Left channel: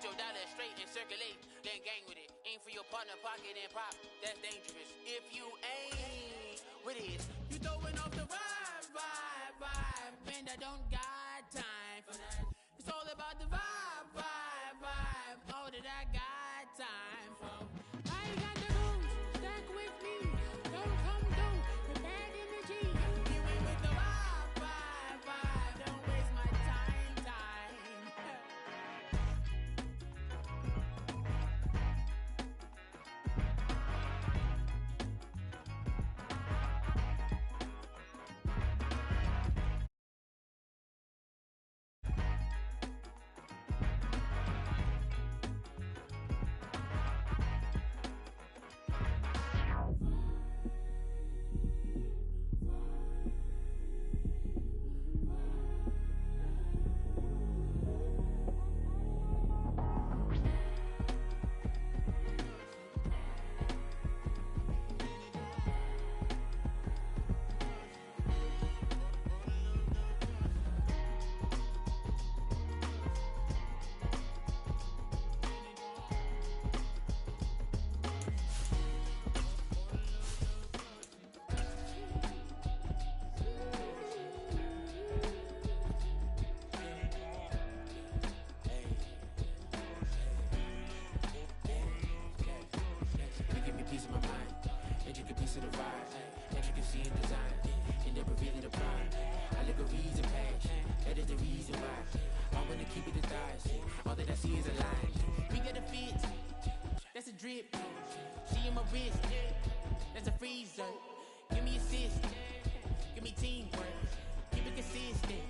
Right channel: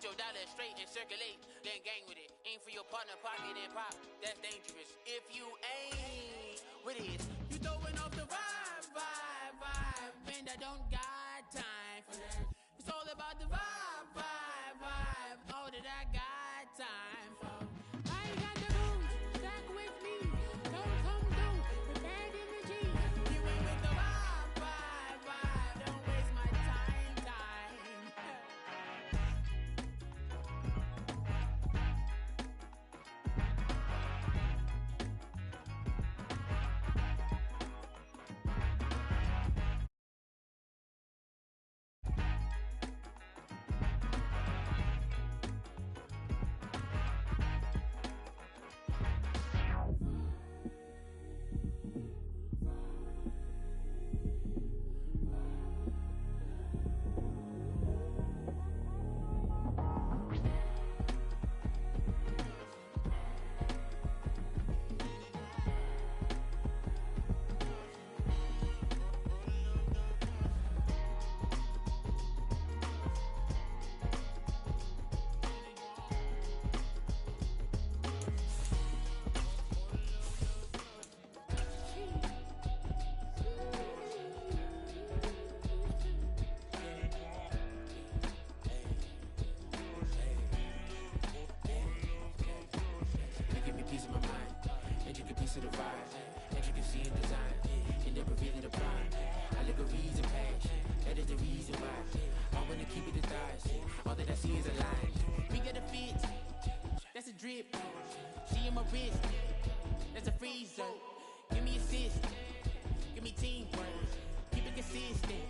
Get your dollar straight and circulate, then gang with it. Aim for your partner, pocket and pop. That's dangerous. If you ain't with it, you throwing off the vibe. And I don't got time for that. It's all about the vibe. All that I got time for. I got the rules, stuck with me. Don't come through with bad energy. You ain't with the vibe. Don't waste my time. Drip, she in my wrist, that's a freezer. Give me assist, give me teamwork, keep it consistent.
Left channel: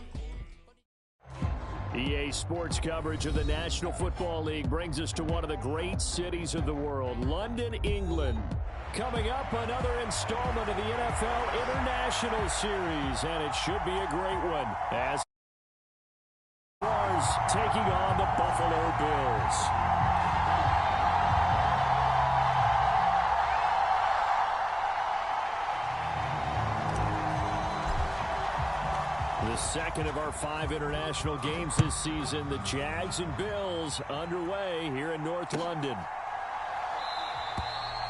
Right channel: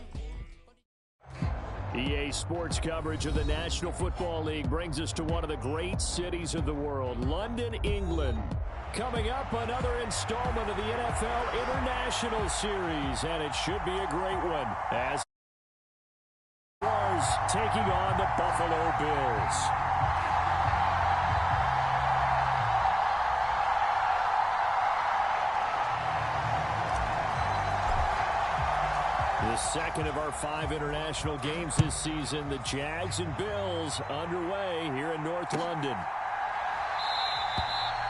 EA Sports coverage of the National Football League brings us to one of the great cities of the world, London, England. Coming up, another installment of the NFL International Series, and it should be a great one as Jaguars taking on the Buffalo Bills. The second of our 5 international games this season, the Jags and Bills underway here in North London.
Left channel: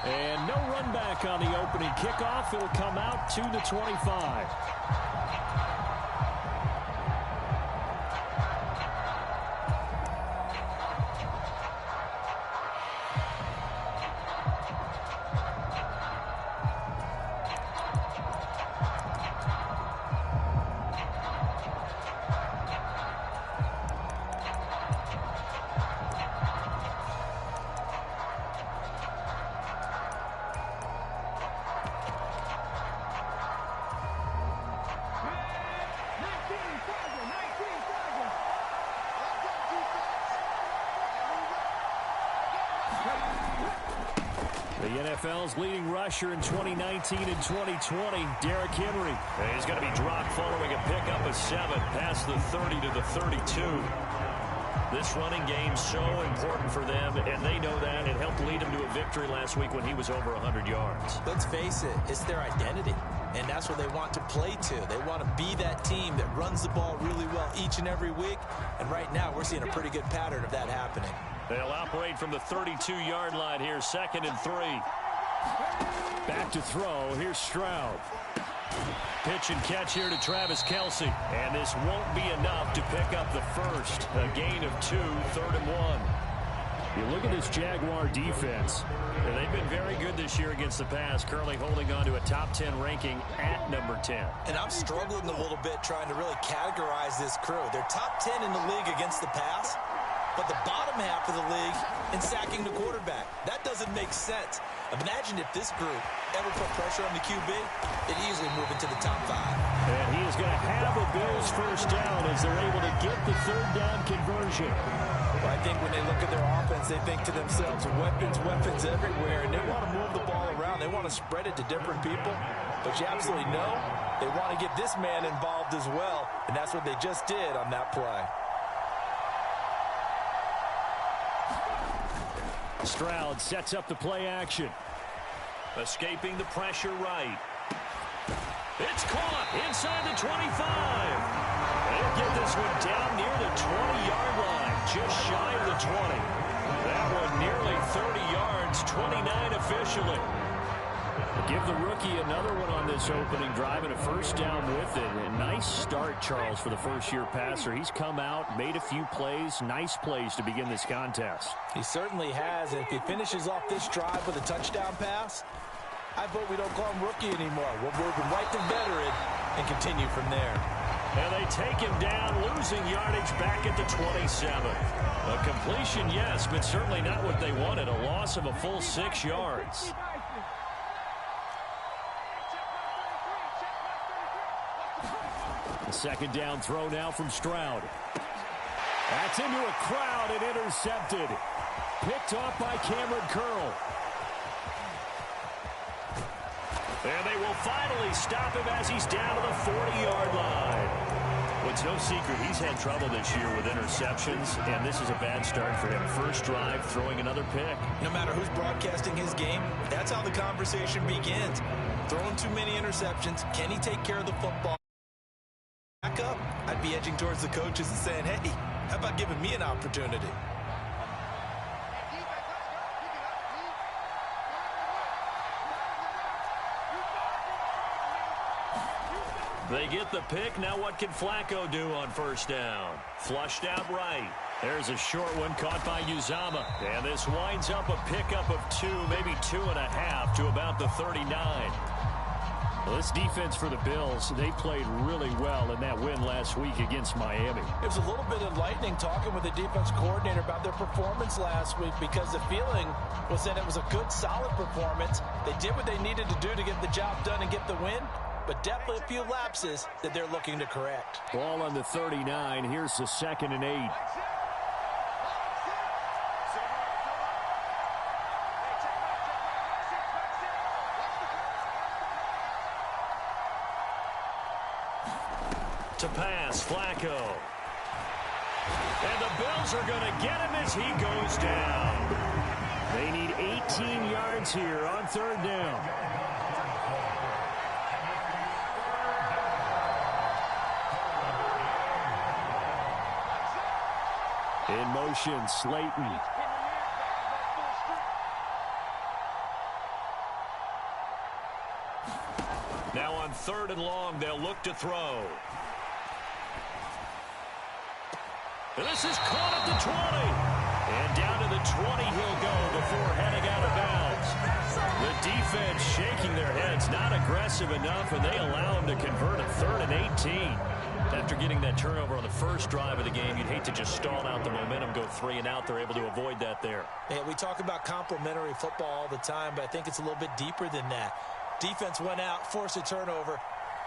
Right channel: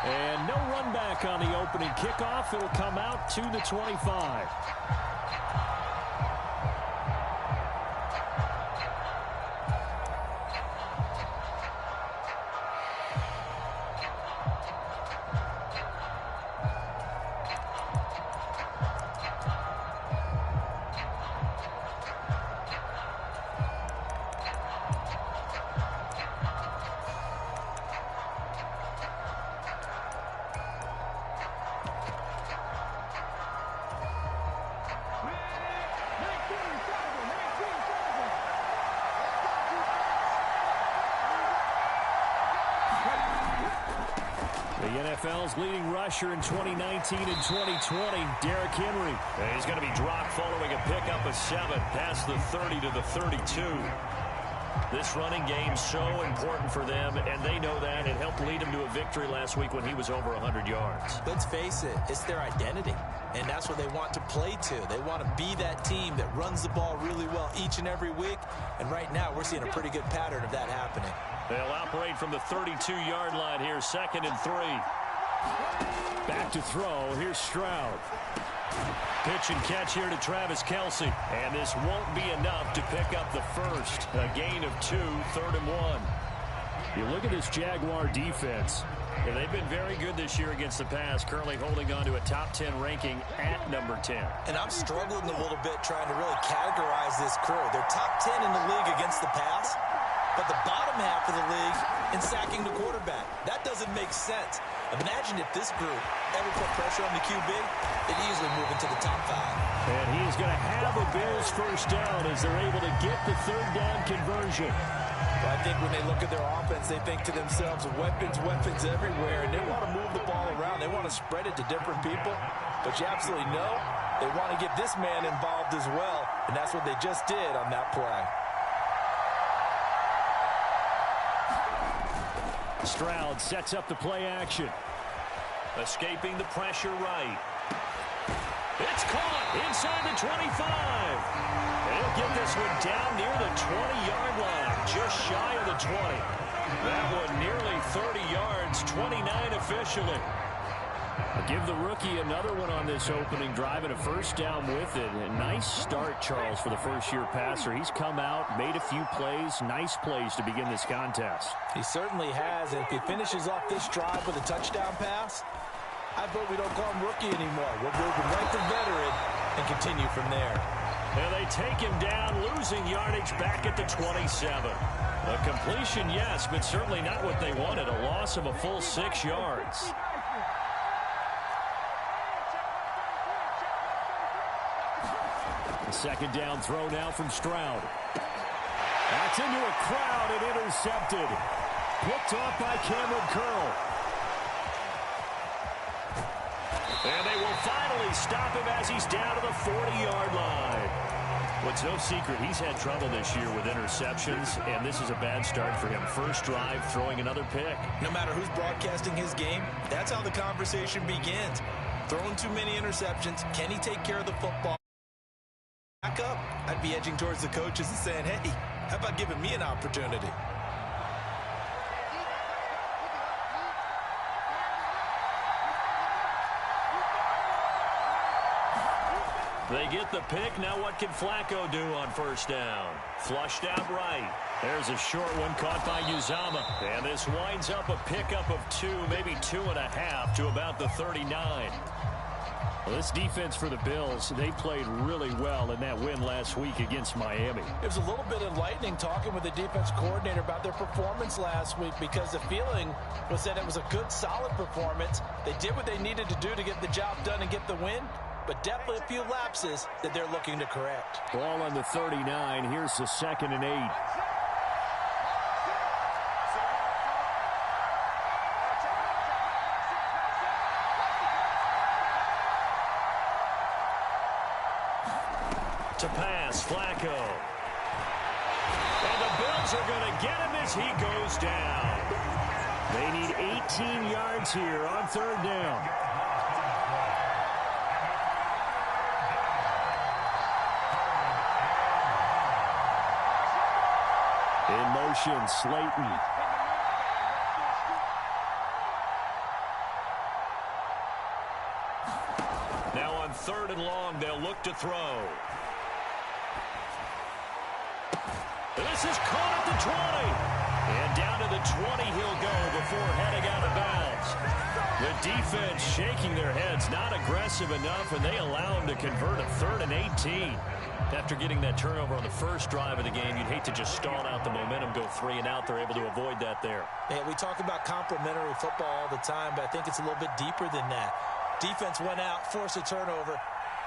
And no run back on the opening kickoff. It'll come out to the 25. The NFL's leading rusher in 2019 and 2020, Derrick Henry. He's going to be dropped following a pickup of 7 past the 30 to the 32. This running game's so important for them, and they know that. It helped lead them to a victory last week when he was over 100 yards. Let's face it, it's their identity, and that's what they want to play to. They want to be that team that runs the ball really well each and every week, and right now we're seeing a pretty good pattern of that happening. They'll operate from the 32-yard line here, 2nd and 3. Back to throw. Here's Stroud. Pitch and catch here to Travis Kelce. And this won't be enough to pick up the first. A gain of 2, 3rd and 1. You look at this Jaguar defense. And they've been very good this year against the pass, currently holding on to a top 10 ranking at number 10. And I'm struggling a little bit trying to really categorize this crew. They're top 10 in the league against the pass, but the bottom half of the league in sacking the quarterback. That doesn't make sense. Imagine if this group ever put pressure on the QB, they'd easily move into the top 5. And he is going to have a Bills first down as they're able to get the 3rd down conversion. Well, I think when they look at their offense, they think to themselves, weapons everywhere, and they want to move the ball around. They want to spread it to different people, but you absolutely know they want to get this man involved as well, and that's what they just did on that play. Stroud sets up the play action. Escaping the pressure right. It's caught inside the 25. They'll get this one down near the 20-yard line, just shy of the 20. That one nearly 30 yards, 29 officially. I'll give the rookie another one on this opening drive and a first down with it. A nice start, Charles, for the first-year passer. He's come out, made a few plays, nice plays to begin this contest. He certainly has. And if he finishes off this drive with a touchdown pass, I vote we don't call him rookie anymore. We'll move him right to veteran and continue from there. And they take him down, losing yardage back at the 27. A completion, yes, but certainly not what they wanted. A loss of a full 6 yards. The second down throw now from Stroud. That's into a crowd and intercepted. Picked off by Cameron Curl. And they will finally stop him as he's down to the 40-yard line. Well, it's no secret he's had trouble this year with interceptions, and this is a bad start for him. First drive, throwing another pick. No matter who's broadcasting his game, that's how the conversation begins. Throwing too many interceptions. Can he take care of the football? Back up. I'd be edging towards the coaches and saying, hey, how about giving me an opportunity? They get the pick. Now what can Flacco do on first down? Flushed out right. There's a short one caught by Uzama. And this winds up a pickup of 2, maybe 2.5 to about the 39. Well, this defense for the Bills, they played really well in that win last week against Miami. It was a little bit enlightening talking with the defense coordinator about their performance last week, because the feeling was that it was a good, solid performance. They did what they needed to do to get the job done and get the win, but definitely a few lapses that they're looking to correct. Ball on the 39. Here's the 2nd and 8. To pass, Flacco. And the Bills are going to get him as he goes down. They need 18 yards here on 3rd down. In motion, Slayton. Now on 3rd and long, they'll look to throw. And this is caught at the 20. And down to the 20 he'll go before heading out of bounds. The defense shaking their heads, not aggressive enough, and they allow him to convert a 3rd and 18. After getting that turnover on the first drive of the game, you'd hate to just stall out the momentum, go 3 and out. They're able to avoid that there. Yeah, we talk about complementary football all the time, but I think it's a little bit deeper than that. Defense went out, forced a turnover,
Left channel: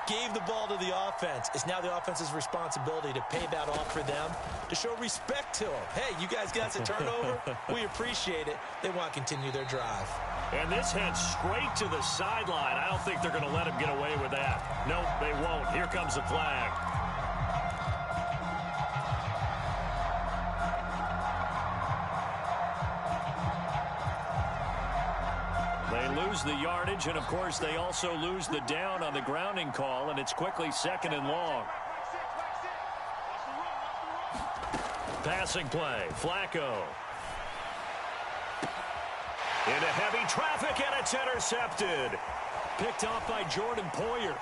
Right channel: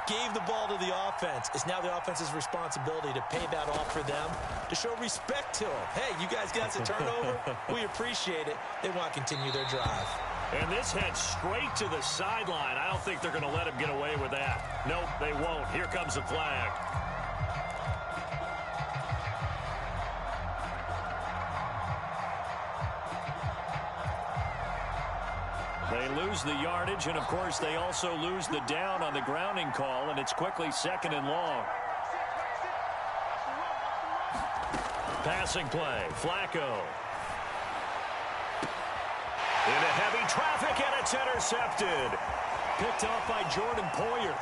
gave the ball to the offense. It's now the offense's responsibility to pay that off for them, to show respect to them. Hey, you guys got us a turnover. We appreciate it. They want to continue their drive. And this heads straight to the sideline. I don't think they're going to let him get away with that. Nope, they won't. Here comes the flag. They lose the yardage, and, of course, they also lose the down on the grounding call, and it's quickly 2nd and long. Passing play, Flacco. Into heavy traffic, and it's intercepted. Picked off by Jordan Poyer.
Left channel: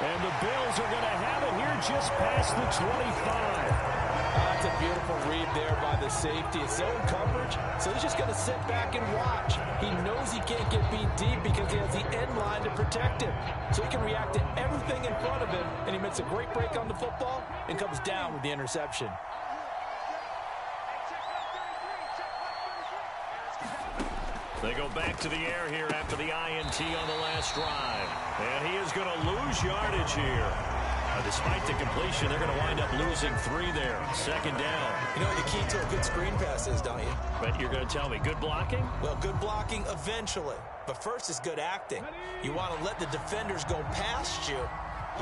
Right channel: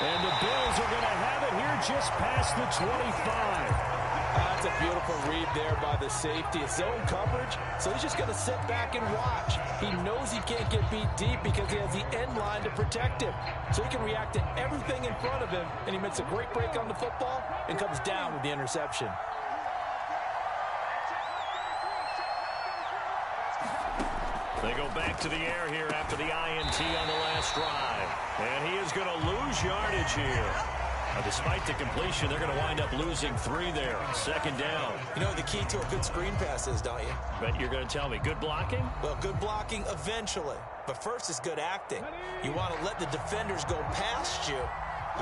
And the Bills are going to have it here just past the 25. That's a beautiful read there by the safety. It's zone coverage, so he's just going to sit back and watch. He knows he can't get beat deep because he has the end line to protect him. So he can react to everything in front of him, and he makes a great break on the football and comes down with the interception. They go back to the air here after the INT on the last drive. And he is going to lose yardage here. Despite the completion, they're going to wind up losing 3 there. 2nd down. You know what the key to a good screen pass is, don't you? But you're going to tell me, good blocking? Well, good blocking eventually. But first is good acting. You want to let the defenders go past you,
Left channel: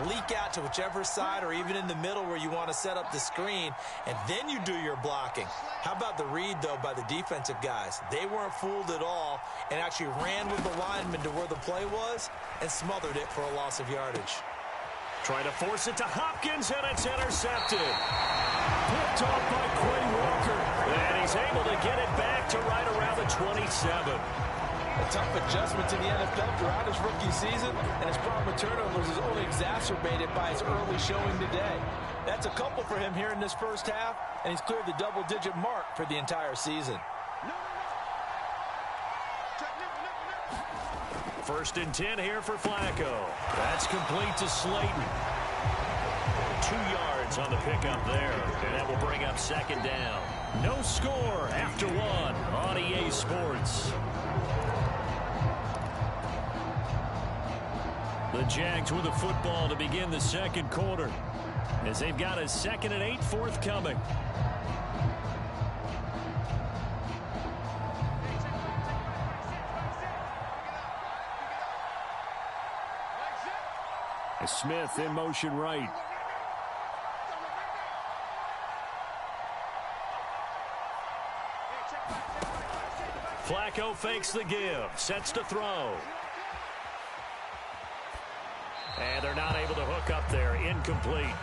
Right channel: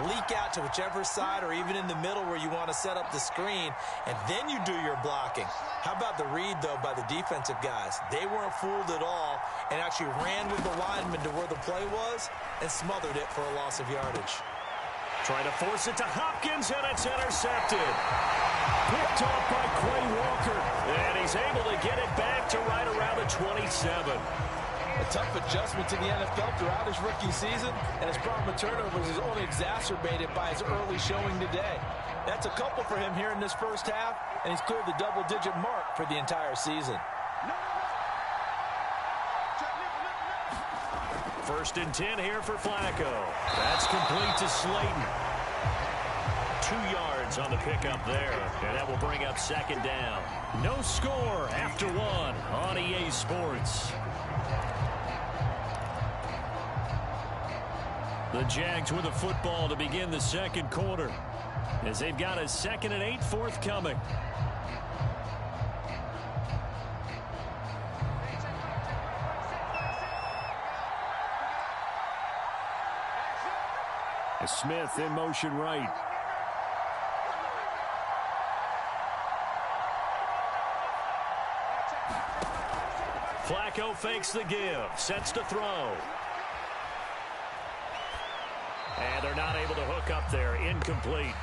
leak out to whichever side or even in the middle where you want to set up the screen, and then you do your blocking. How about the read, though, by the defensive guys? They weren't fooled at all and actually ran with the lineman to where the play was and smothered it for a loss of yardage. Trying to force it to Hopkins, and it's intercepted. Picked off by Quay Walker. And he's able to get it back to right around the 27. A tough adjustment to the NFL throughout his rookie season, and his problem with turnovers is only exacerbated by his early showing today. That's a couple for him here in this first half, and he's cleared the double-digit mark for the entire season. First and 10 here for Flacco. That's complete to Slayton. 2 yards on the pickup there, and that will bring up second down. No score after 1 on EA Sports. The Jags with the football to begin the second quarter, as they've got a 2nd and 8 forthcoming. Smith in motion right. Flacco fakes the give, sets to throw. And they're not able to hook up there, incomplete.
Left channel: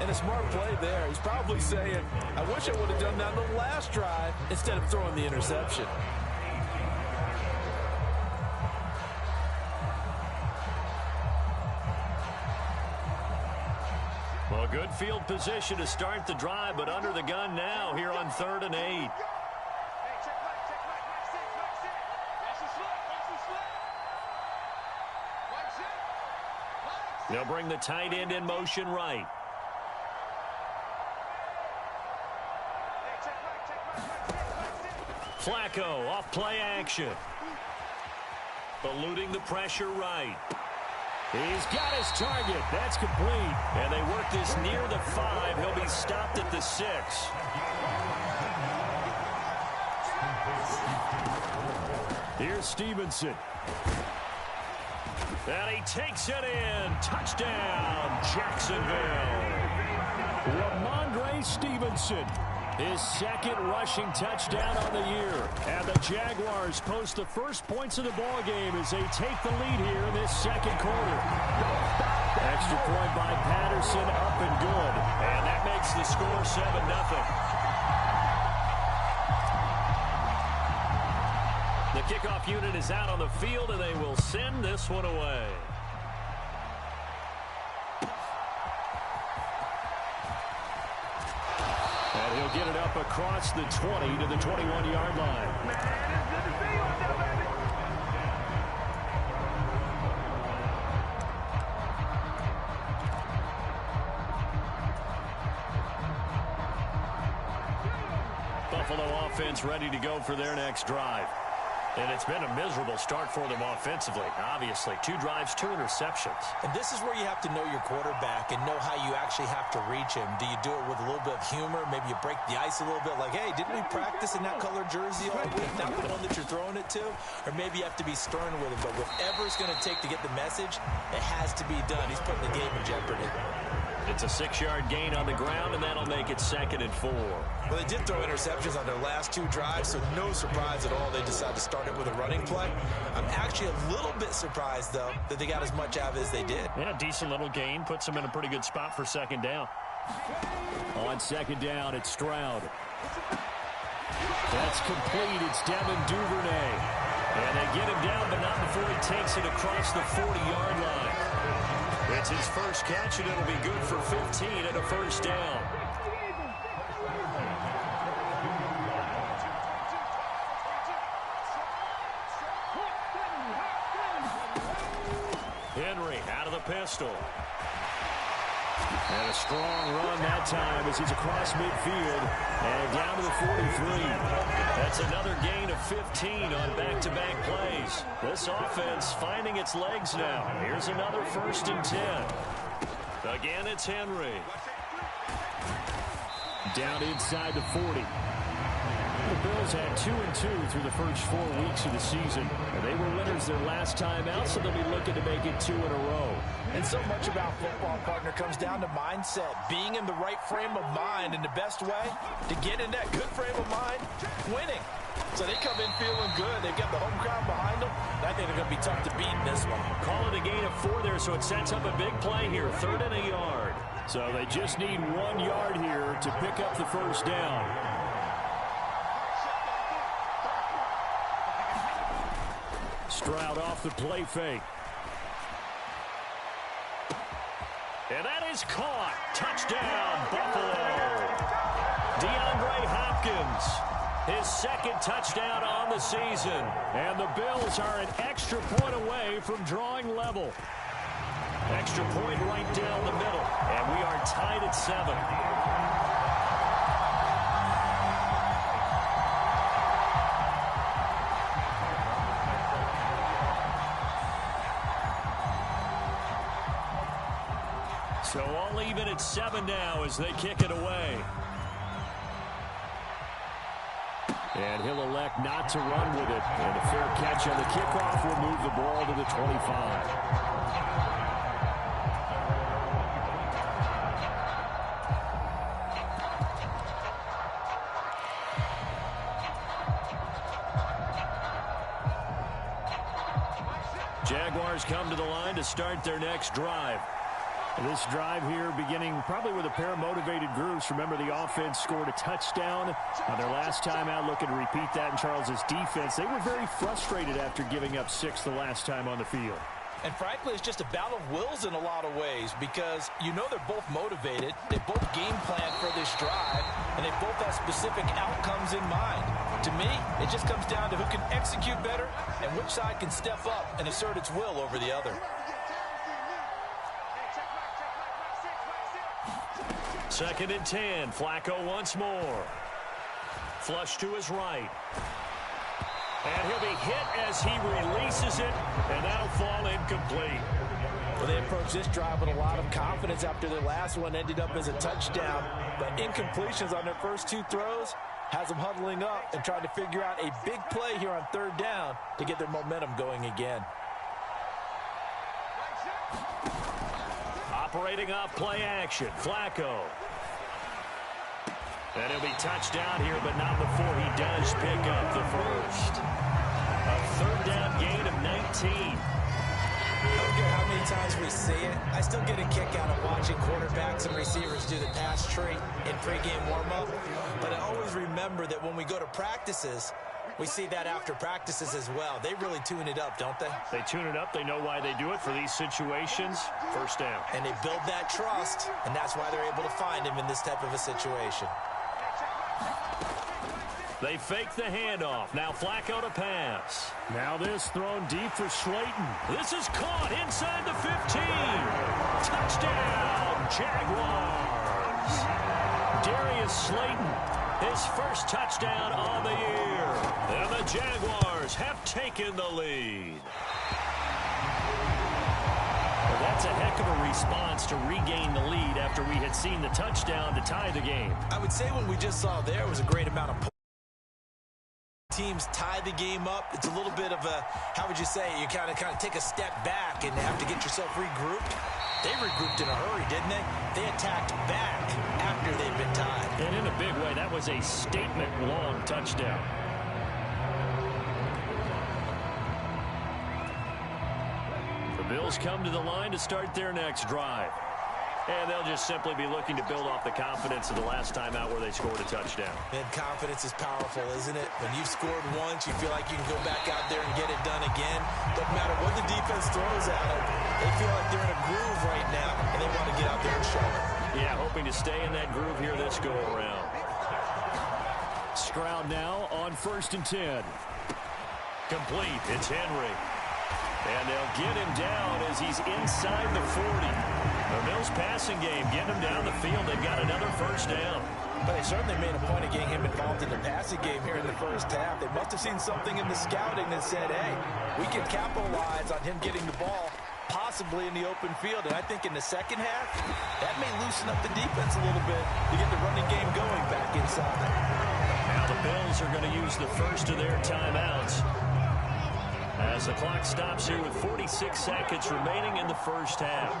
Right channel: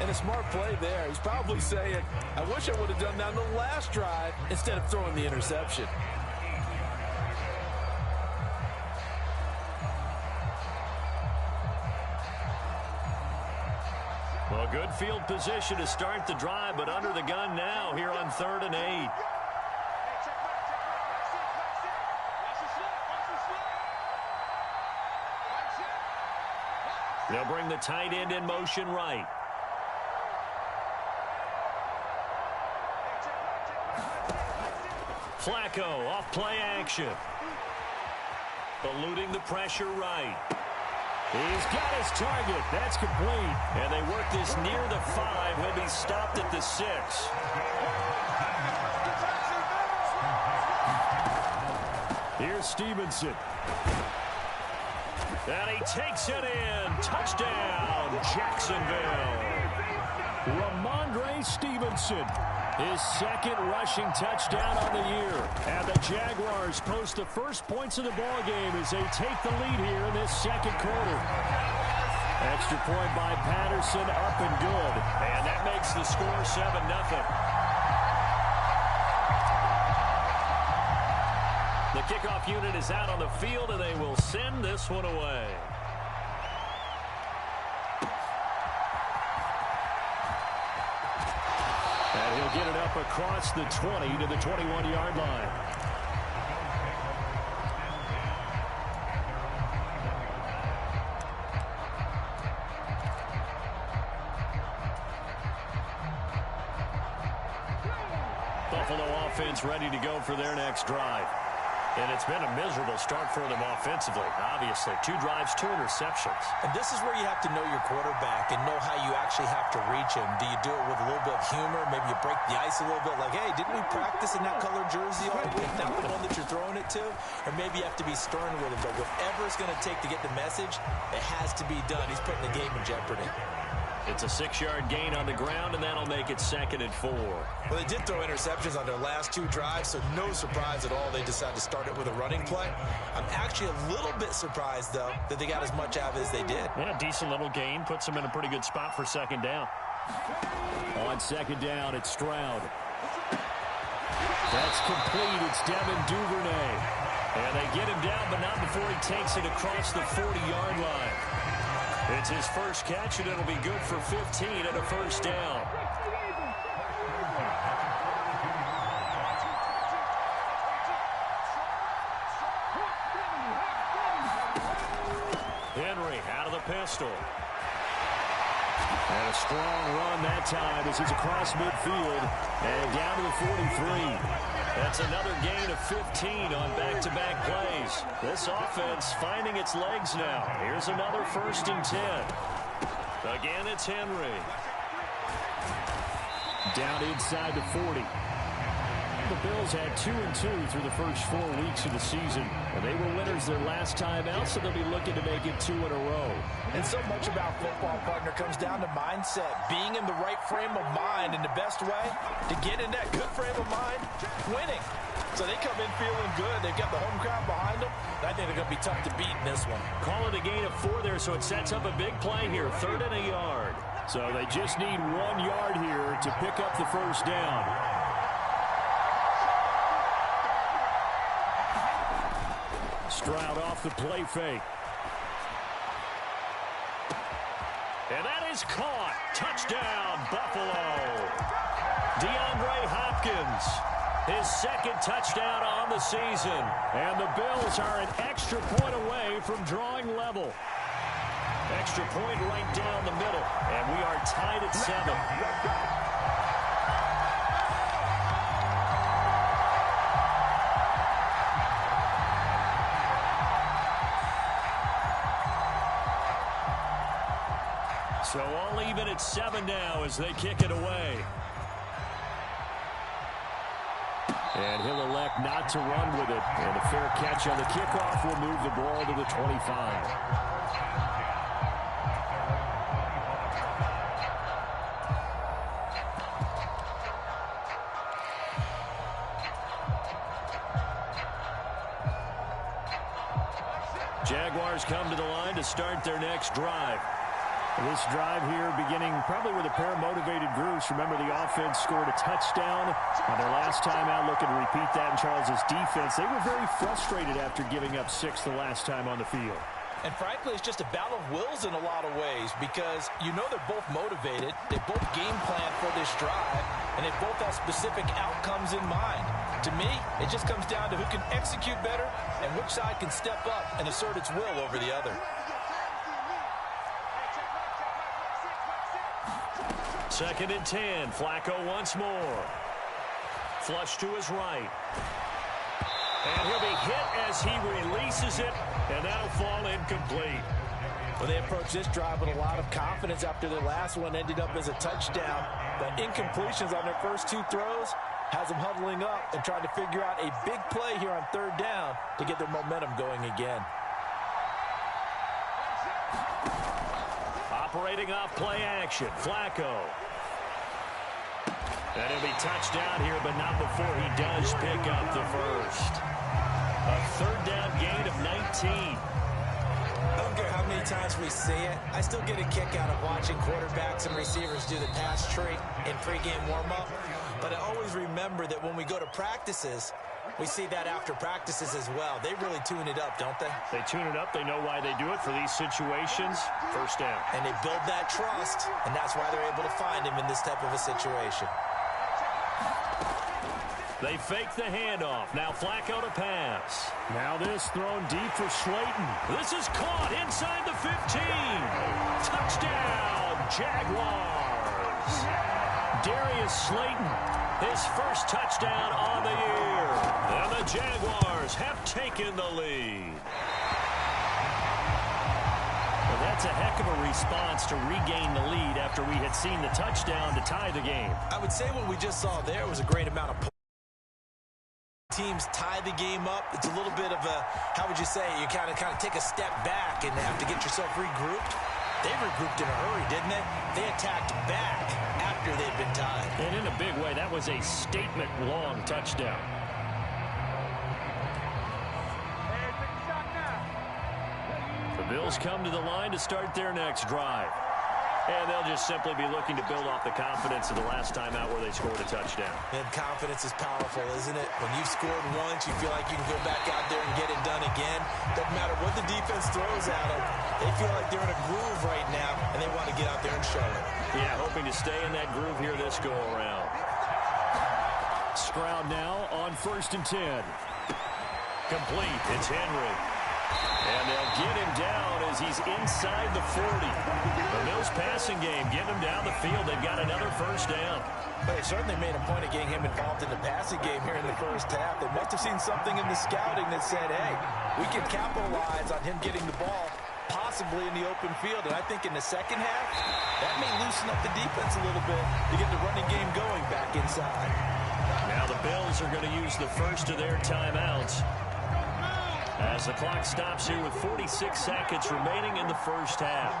And a smart play there. He's probably saying, I wish I would have done that on the last drive instead of throwing the interception. Well, good field position to start the drive, but under the gun now here on 3rd and 8. They'll bring the tight end in motion right. Flacco off play action. Eluding the pressure right. He's got his target. That's complete. And they work this near the 5. He'll be stopped at the 6. Here's Stevenson. And he takes it in. Touchdown, Jacksonville. Ramondre Stevenson. His 2nd rushing touchdown on the year. And the Jaguars post the first points of the ballgame as they take the lead here in this second quarter. Extra point by Patterson, up and good. And that makes the score 7-0. The kickoff unit is out on the field, and they will send this one away. And he'll get it up across the 20 to the 21-yard line. Buffalo offense ready to go for their next drive. And it's been a miserable start for them offensively. Obviously, 2 drives, 2 interceptions. And this is where you have to know your quarterback and know how you actually have to reach him. Do you do it with a little bit of humor? Maybe you break the ice a little bit like, hey, didn't we practice in that colored jersey all week? Not the one that you're throwing it to? Or maybe you have to be stern with him. But whatever it's going to take to get the message, it has to be done. He's putting the game in jeopardy. It's a 6-yard gain on the ground, and that'll make it 2nd and 4. Well, they did throw interceptions on their last 2 drives, so no surprise at all they decided to start it with a running play. I'm actually a little bit surprised, though, that they got as much out of it as they did. Yeah, decent little gain. Puts them in a pretty good spot for 2nd down. On 2nd down, it's Stroud. That's complete. It's Devin Duvernay. And they get him down, but not before he takes it across the 40-yard line. It's his first catch, and it'll be good for 15 and a first down. Henry out of the pistol. And a strong run that time as he's across midfield and down to the 43. That's another gain of 15 on back-to-back plays. This offense finding its legs now. Here's another 1st and 10. Again, it's Henry. Down inside the 40. The Bills had 2-2 through the first 4 weeks of the season, and they were winners their last time out, so they'll be looking to make it 2 in a row. And so much about football, partner, comes down to mindset, being in the right frame of mind, and the best way to get in that good frame of mind, winning. So they come in feeling good. They've got the home crowd behind them. I think they're going to be tough to beat in this one. Call it a gain of 4 there, so it sets up a big play here. 3rd and a yard. So they just need 1 yard here to pick up the first down. Stroud off the play fake. And that is caught. Touchdown, Buffalo. DeAndre Hopkins, his 2nd touchdown on the season. And the Bills are an extra point away from drawing level. Extra point right down the middle. And we are tied at 7. So all even at 7 now as they kick it away. And he'll elect not to run with it. And a fair catch on the kickoff will move the ball to the 25. Jaguars come to the line to start their next drive. This drive here beginning probably with a pair of motivated groups. Remember, the offense scored a touchdown on their last time out, looking to repeat that in Charles's defense. They were very frustrated after giving up 6 the last time on the field. And frankly, it's just a battle of wills in a lot of ways because you know they're both motivated. They both game plan for this drive, and they both have specific outcomes in mind. To me, it just comes down to who can execute better and which side can step up and assert its will over the other. 2nd and 10. Flacco once more. Flush to his right. And he'll be hit as he releases it, and that'll fall incomplete. Well, they approached this drive with a lot of confidence after their last one ended up as a touchdown. But incompletions on their first 2 throws has them huddling up and trying to figure out a big play here on 3rd down to get their momentum going again. Operating off play action, Flacco. And he'll be touchdown here, but not before he does pick up the first. A 3rd down gain of 19. I don't care how many times we see it. I still get a kick out of watching quarterbacks and receivers do the pass tree in pregame warm-up. But I always remember that when we go to practices, we see that after practices as well. They really tune it up, don't they? They tune it up. They know why they do it for these situations. First down. And they build that trust, and that's why they're able to find him in this type of a situation. They fake the handoff. Now Flacco to pass. Now this thrown deep for Slayton. This is caught inside the 15. Touchdown, Jaguars. Darius Slayton, his first touchdown on the year. And the Jaguars have taken the lead. Well, that's a heck of a response to regain the lead after we had seen the touchdown to tie the game. I would say what we just saw there was a great amount of teams tie the game up. It's a little bit of a, how would you say, you kind of take a step back and have to get yourself regrouped. They regrouped in a hurry, didn't they? They attacked back after they'd been tied. And in a big way, that was a statement-long touchdown. The Bills come to the line to start their next drive. And they'll just simply be looking to build off the confidence of the last time out where they scored a touchdown. And confidence is powerful, isn't it? When you've scored once, you feel like you can go back out there and get it done again. Doesn't matter what the defense throws at them. They feel like they're in a groove right now, and they want to get out there and show it. Yeah, hoping to stay in that groove here this go-around. Stroud now on 1st and 10. Complete. It's Henry. And they'll get him down as he's inside the 40. The Bills passing game, getting him down the field. They've got another first down. But they certainly made a point of getting him involved in the passing game here in the first half. They must have seen something in the scouting that said, hey, we can capitalize on him getting the ball possibly in the open field. And I think in the second half, that may loosen up the defense a little bit to get the running game going back inside. Now the Bills are going to use the first of their timeouts as the clock stops here with 46 seconds remaining in the first half.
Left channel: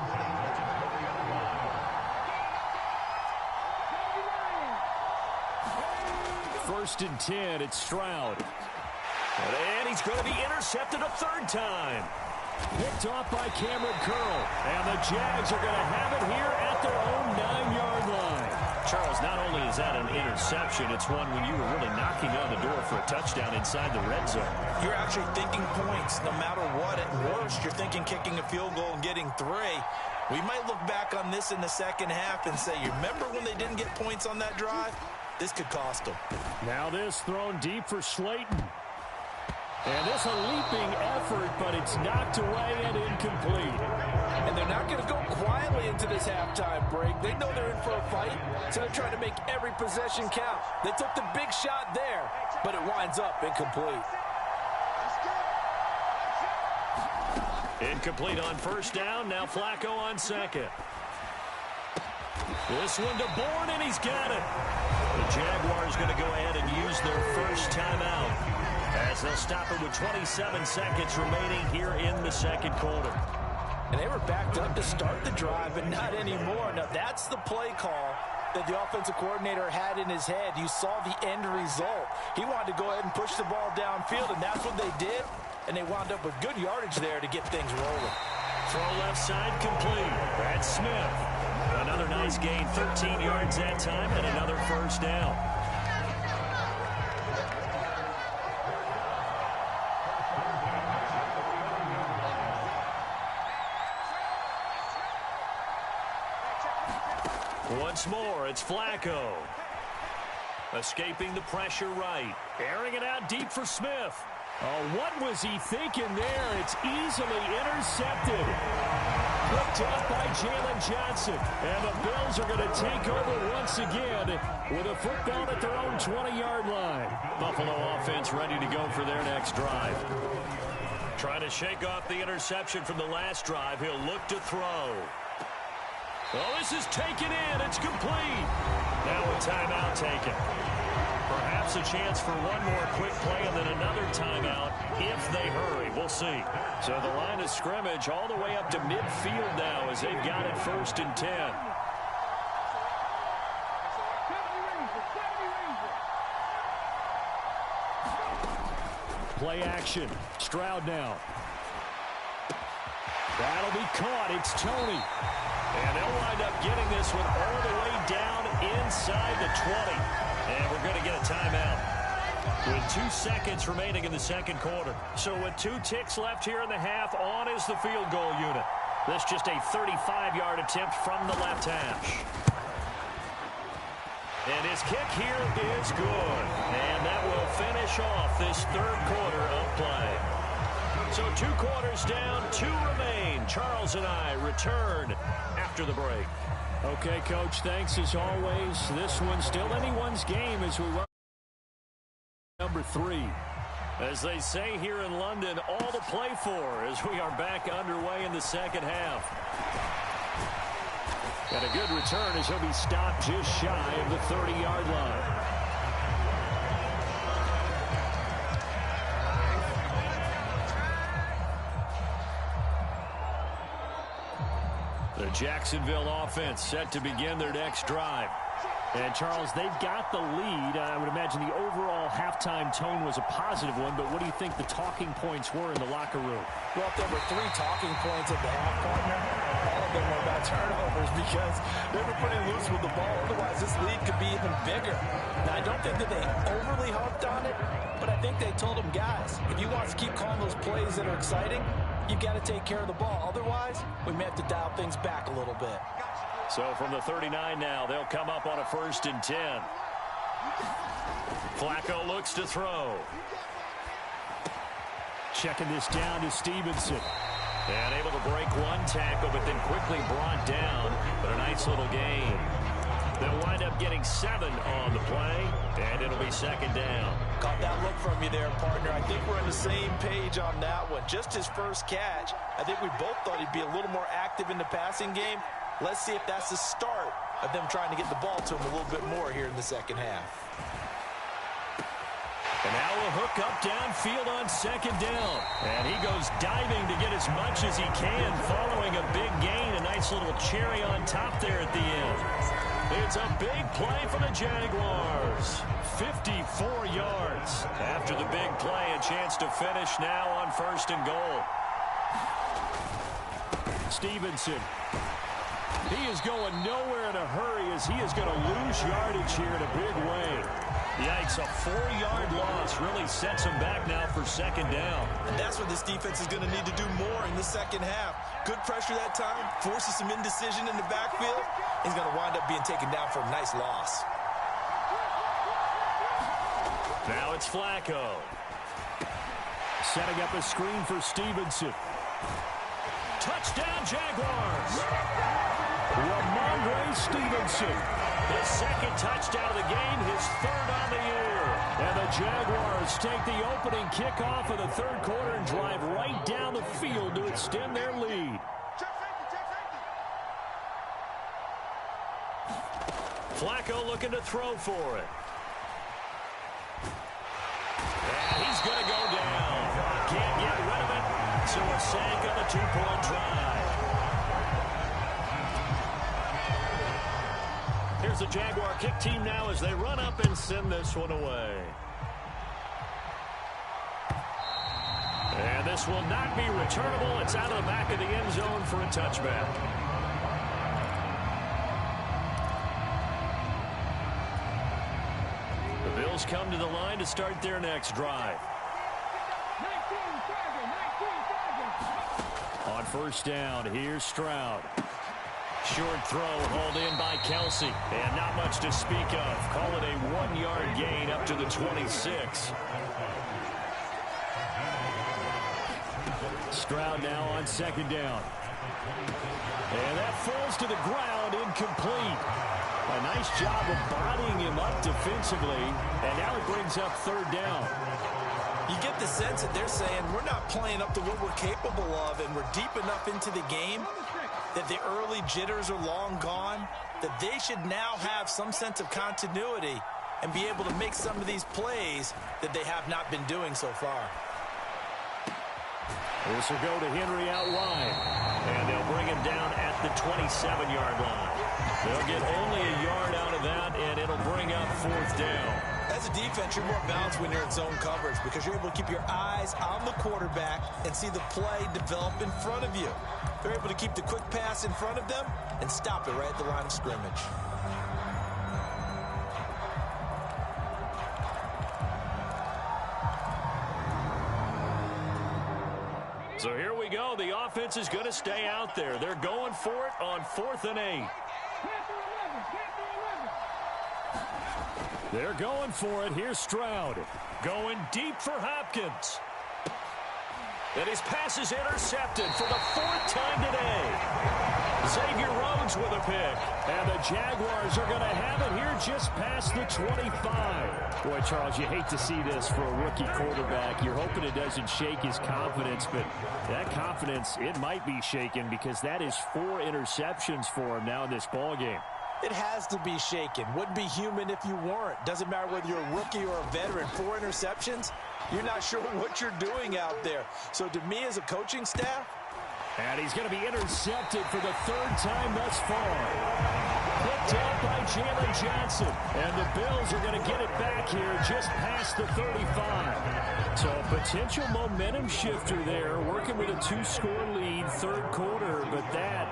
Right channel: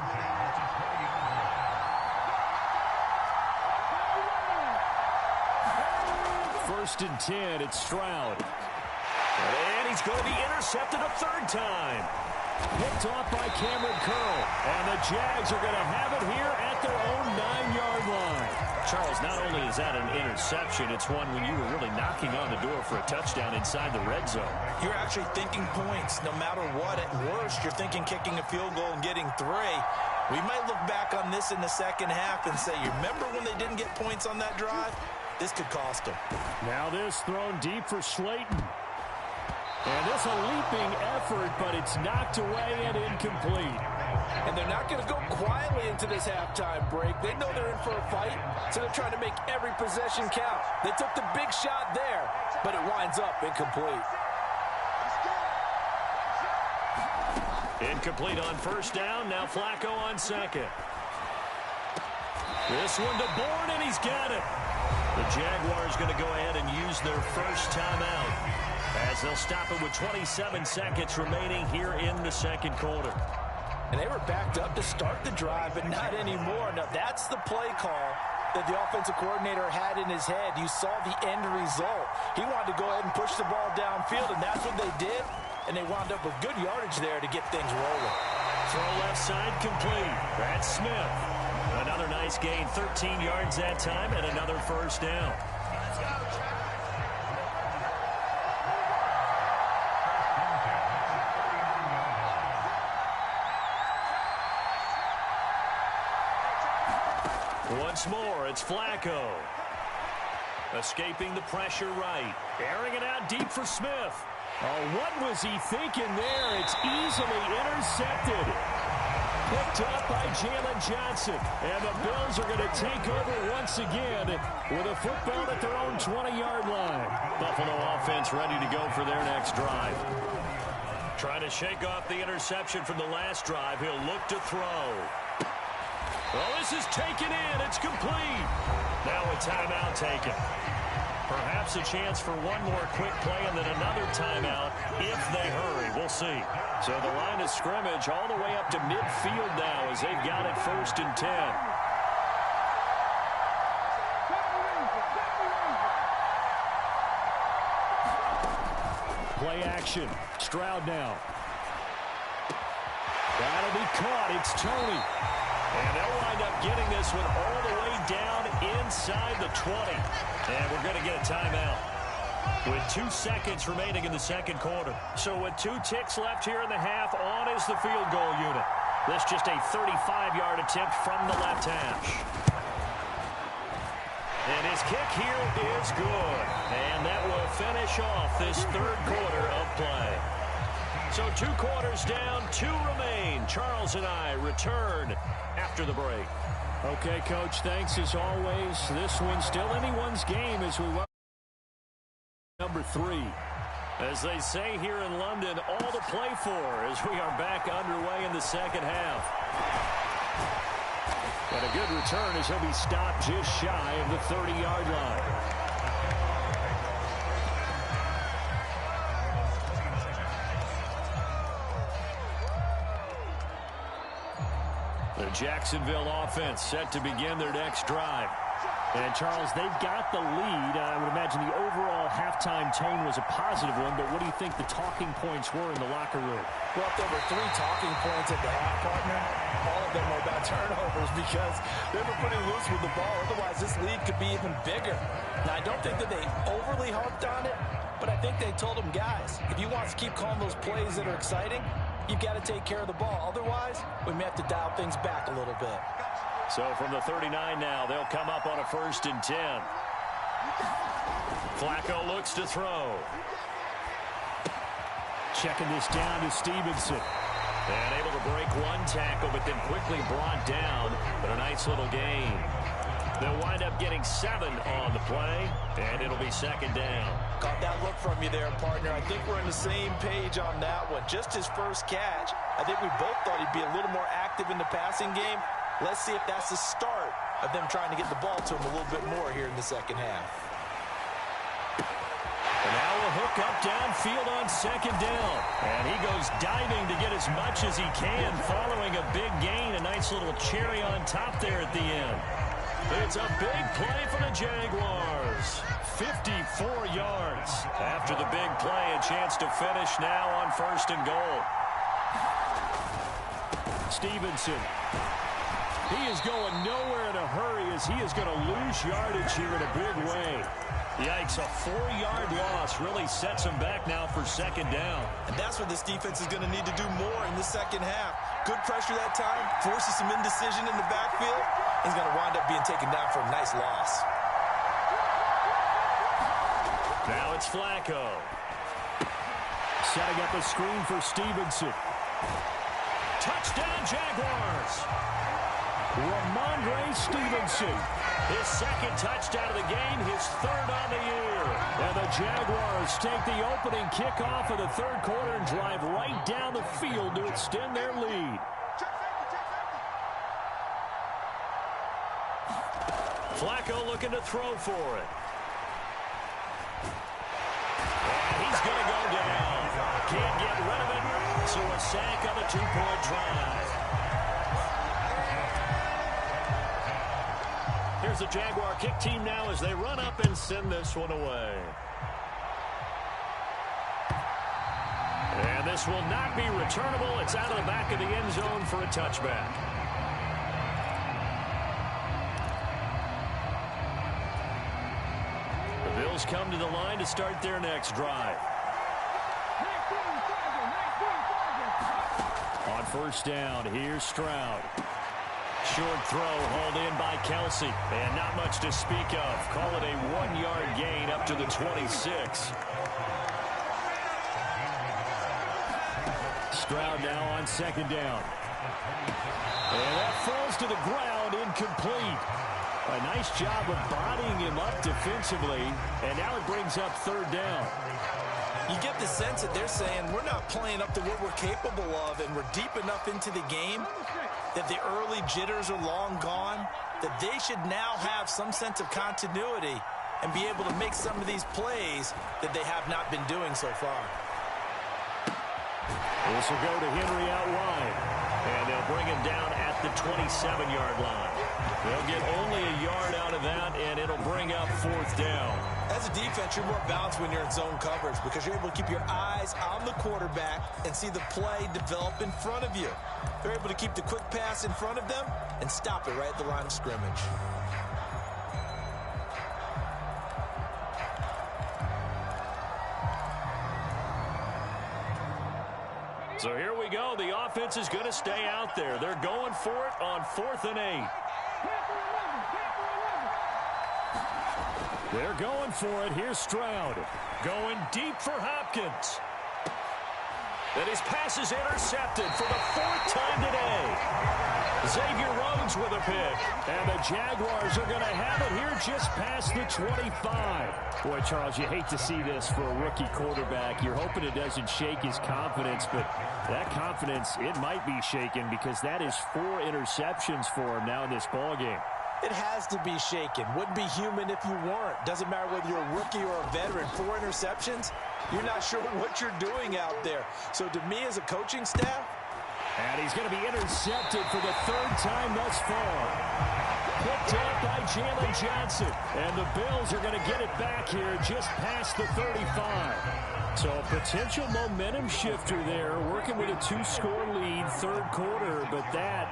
First and 10, it's Stroud. And he's going to be intercepted a third time. Picked off by Cameron Curl. And the Jags are going to have it here at their own 9-yard line. Charles, not only is that an interception, it's one when you were really knocking on the door for a touchdown inside the red zone. You're actually thinking points no matter what. At worst, you're thinking kicking a field goal and getting 3. We might look back on this in the second half and say, you remember when they didn't get points on that drive? This could cost them. Now this thrown deep for Slayton. And this a leaping effort, but it's knocked away and incomplete. And they're not going to go quietly into this halftime break. They know they're in for a fight, so they're trying to make every possession count. They took the big shot there, but it winds up incomplete. Incomplete on first down. Now Flacco on second. This one to Bourne, and he's got it. The Jaguars going to go ahead and use their first timeout, as they'll stop it with 27 seconds remaining here in the second quarter. And they were backed up to start the drive, but not anymore. Now, that's the play call that the offensive coordinator had in his head. You saw the end result. He wanted to go ahead and push the ball downfield, and that's what they did. And they wound up with good yardage there to get things rolling. Throw left side complete. That's Smith. Another nice gain, 13 yards that time, and another first down. Once more, it's Flacco. Escaping the pressure right. Airing it out deep for Smith. Oh, what was he thinking there? It's easily intercepted. Picked up by Jalen Johnson. And the Bills are going to take over once again with a football at their own 20-yard line. Buffalo offense ready to go for their next drive. Trying to shake off the interception from the last drive. He'll look to throw. Oh, this is taken in. It's complete. Now a timeout taken. Perhaps a chance for one more quick play and then another timeout if they hurry. We'll see. So the line of scrimmage all the way up to midfield now as they've got it 1st and 10. Play action. Stroud now. That'll be caught. It's Tony. And they'll wind up getting this one all the way down inside the 20. And we're going to get a timeout with 2 seconds remaining in the second quarter. So with 2 ticks left here in the half, on is the field goal unit. This just a 35-yard attempt from the left hash. And his kick here is good. And that will finish off this third quarter of play. So 2 quarters down, 2 remain. Charles and I return after the break. Okay, Coach, thanks as always. This one's still anyone's game as we welcome number 3. As they say here in London, all to play for as we are back underway in the second half. Got a good return as he'll be stopped just shy of the 30-yard line. The Jacksonville offense set to begin their next drive. And, Charles, they've got the lead. I would imagine the overall halftime tone was a positive one, but what do you think the talking points were in the locker room? Well, if there were 3 talking points at the half, partner, all of them were about turnovers because they were pretty loose with the ball. Otherwise, this lead could be even bigger. Now, I don't think that they overly harped on it, but I think they told them, guys, if you want us to keep calling those plays that are exciting, you've got to take care of the ball. Otherwise, we may have to dial things back a little bit. So from the 39 now, they'll come up on a 1st and 10. Flacco looks to throw. Checking this down to Stevenson. And able to break 1 tackle, but then quickly brought down. But a nice little gain. They'll wind up getting 7 on the play, and it'll be 2nd down. Caught that look from you there, partner. I think we're on the same page on that one. Just his first catch. I think we both thought he'd be a little more active in the passing game. Let's see if that's the start of them trying to get the ball to him a little bit more here in the second half. And now we'll hook up downfield on 2nd down. And he goes diving to get as much as he can following a big gain. A nice little cherry on top there at the end. It's a big play for the Jaguars. 54 yards. After the big play, a chance to finish now on 1st and goal. Stevenson. He is going nowhere in a hurry as he is going to lose yardage here in a big way. Yikes, a 4-yard loss really sets him back now for 2nd down. And that's what this defense is going to need to do more in the second half. Good pressure that time, forces some indecision in the backfield. He's going to wind up being taken down for a nice loss. Now it's Flacco. Setting up a screen for Stevenson. Touchdown, Jaguars. Ramondre Stevenson. His 2nd touchdown of the game, his 3rd on the year. And the Jaguars take the opening kickoff of the 3rd quarter and drive right down the field to extend their lead. Flacco looking to throw for it. And he's going to go down. Can't get rid of it, so a sack on the 2-point try. Here's the Jaguar kick team now as they run up and send this one away. And this will not be returnable. It's out of the back of the end zone for a touchback. The Bills come to the line to start their next drive. On 1st down, here's Stroud. Short throw hauled in by Kelsey. And not much to speak of. Call it a 1-yard gain up to the 26. Stroud now on 2nd down. And that falls to the ground, incomplete. A nice job of bodying him up defensively. And now it brings up 3rd down. You get the sense that they're saying we're not playing up to what we're capable of, and we're deep enough into the game that the early jitters are long gone, that they should now have some sense of continuity and be able to make some of these plays that they have not been doing so far. This will go to Henry out wide, and they'll bring him down at the 27-yard line. They'll get only a yard out of that, and it'll bring up 4th down. As a defense, you're more balanced when you're in zone coverage because you're able to keep your eyes on the quarterback and see the play develop in front of you. They're able to keep the quick pass in front of them and stop it right at the line of scrimmage. So here we go. The offense is going to stay out there. They're going for it on 4th and 8. They're going for it. Here's Stroud. Going deep for Hopkins. And his pass is intercepted for the 4th time today. Xavier Rhodes with a pick. And the Jaguars are going to have it here just past the 25. Boy, Charles, you hate to see this for a rookie quarterback. You're hoping it doesn't shake his confidence, but that confidence, it might be shaken because that is 4 interceptions for him now in this ballgame. It has to be shaken. Wouldn't be human if you weren't. Doesn't matter whether you're a rookie or a veteran. 4 interceptions, you're not sure what you're doing out there. So to me as a coaching staff. And he's going to be intercepted for the 3rd time thus far. Picked up by Jalen Johnson. And the Bills are going to get it back here just past the 35. So a potential momentum shifter there, working with a 2-score lead, 3rd quarter, but that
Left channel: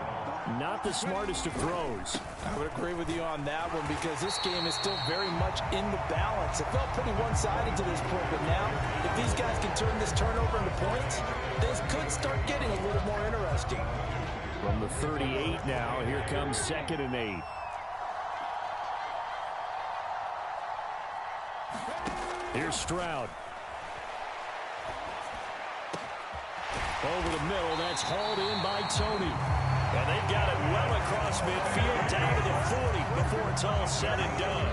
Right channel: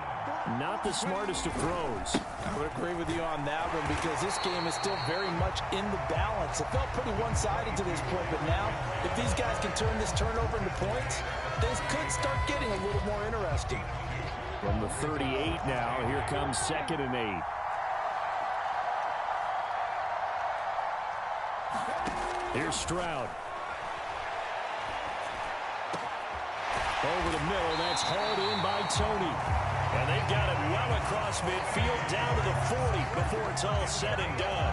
not the smartest of throws. I would agree with you on that one because this game is still very much in the balance. It felt pretty one-sided to this point, but now if these guys can turn this turnover into points, things could start getting a little more interesting. From the 38 now, here comes 2nd and 8. Here's Stroud. Over the middle, that's hauled in by Tony. And they've got it well across midfield down to the 40 before it's all said and done.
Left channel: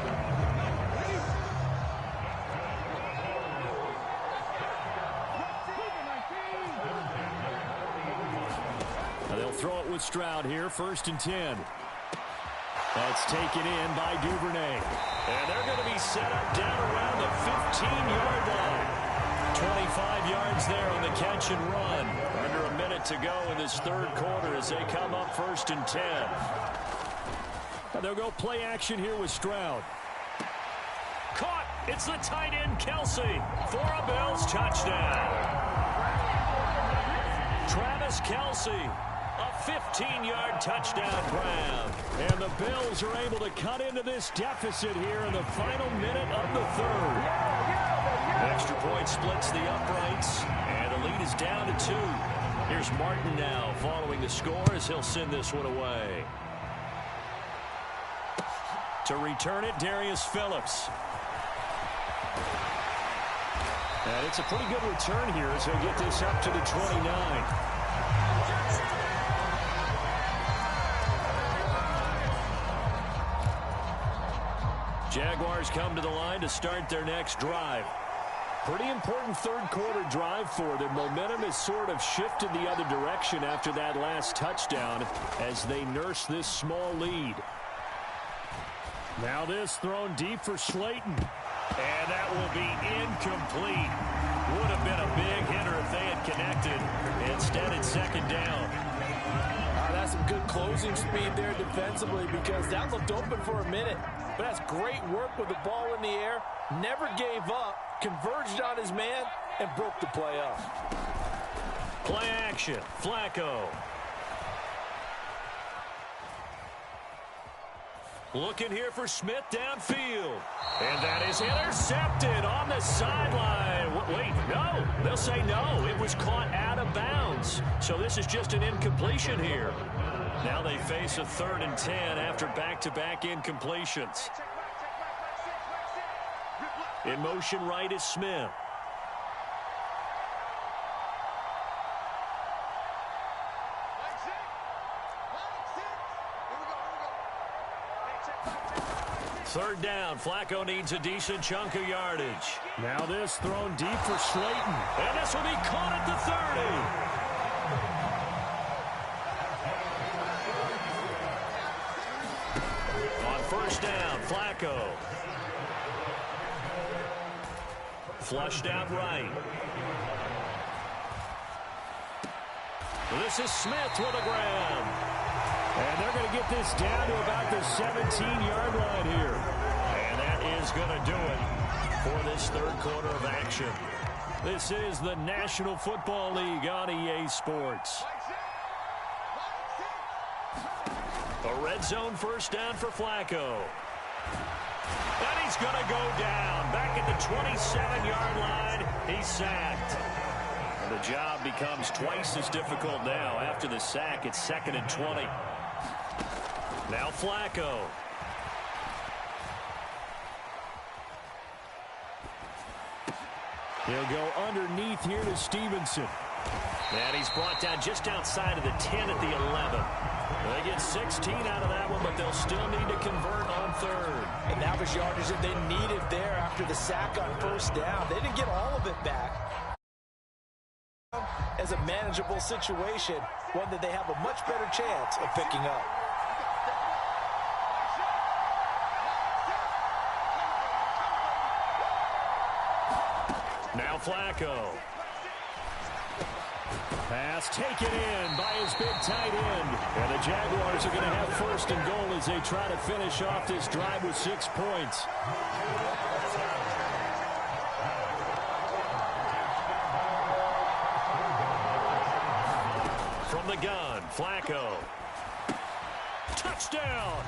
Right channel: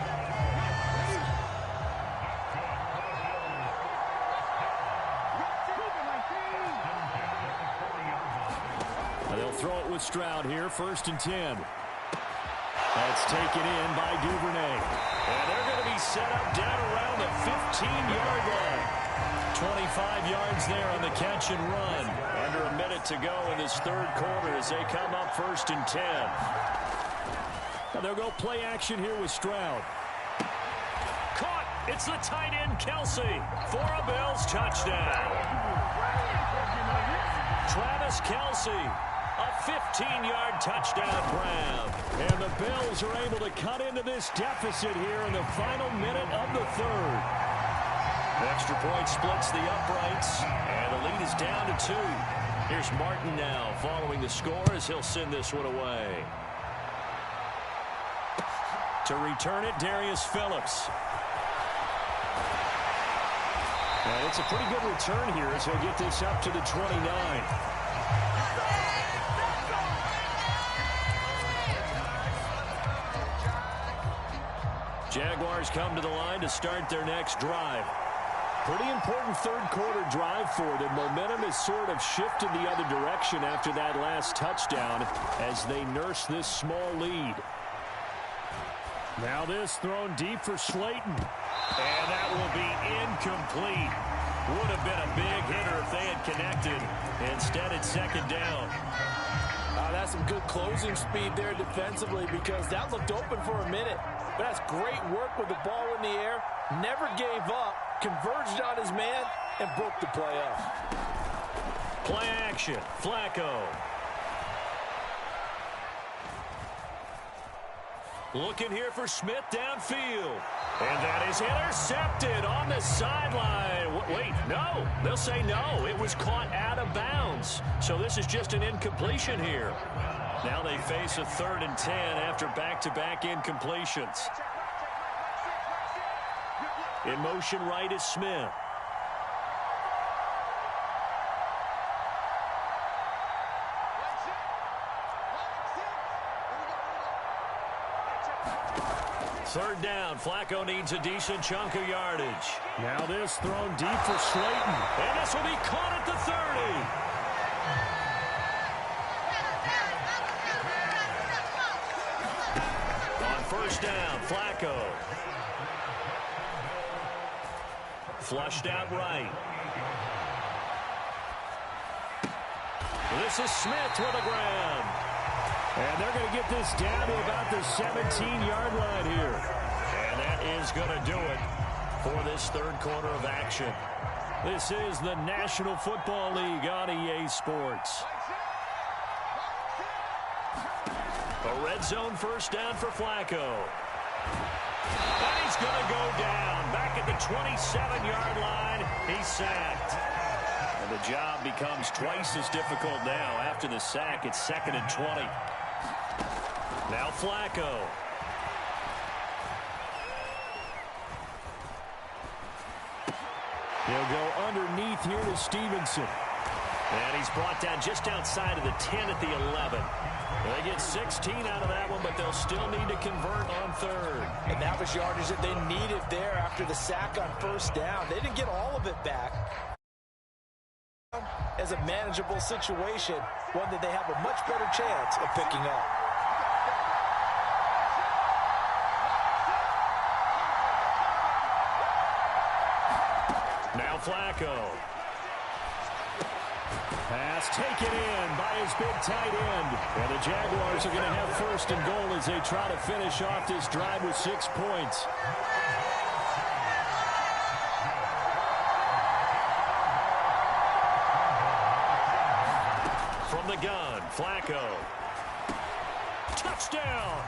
Now they'll throw it with Stroud here, 1st and 10. That's taken in by Duvernay. And they're going to be set up down around the 15-yard line. 25 yards there on the catch and run. Under a minute to go in this 3rd quarter as they come up 1st and 10. Now they'll go play action here with Stroud. Caught. It's the tight end, Kelsey, for a Bills touchdown. Travis Kelsey, a 15-yard touchdown grab. And the Bills are able to cut into this deficit here in the final minute of the third. Extra point splits the uprights, and the lead is down to 2. Here's Martin now following the score as he'll send this one away. To return it, Darius Phillips. And it's a pretty good return here as he'll get this up to the 29. Jaguars come to the line to start their next drive. Pretty important third quarter drive for them. Momentum has sort of shifted the other direction after that last touchdown as they nurse this small lead. Now this thrown deep for Slayton. And that will be incomplete. Would have been a big hitter if they had connected. Instead, it's second down. That's some good closing speed there defensively because that looked open for a minute. But that's great work with the ball in the air. Never gave up, converged on his man, and broke the play up. Play action, Flacco. Looking here for Smith downfield. And that is intercepted on the sideline. Wait, no. They'll say no. It was caught out of bounds. So this is just an incompletion here. Now they face a 3rd and 10 after back-to-back incompletions. In motion right is Smith. Third down. Flacco needs a decent chunk of yardage. Now this thrown deep for Slayton. And this will be caught at the 30. On first down, Flacco. Flushed out right. This is Smith with a grab. And they're going to get this down to about the 17-yard line here. And that is going to do it for this third quarter of action. This is the National Football League on EA Sports. A red zone first down for Flacco. And he's going to go down. Back at the 27-yard line, he's sacked. And the job becomes twice as difficult now. After the sack, it's 2nd and 20. Now Flacco. He'll go underneath here to Stevenson. And he's brought down just outside of the 10 at the 11. They get 16 out of that one, but they'll still need to convert on third. And that was yardage that they needed there after the sack on first down. They didn't get all of it back. As a manageable situation, one that they have a much better chance of picking up. Now Flacco. Pass taken in by his big tight end. And the Jaguars are going to have first and goal as they try to finish off this drive with 6 points. From the gun, Flacco. Touchdown!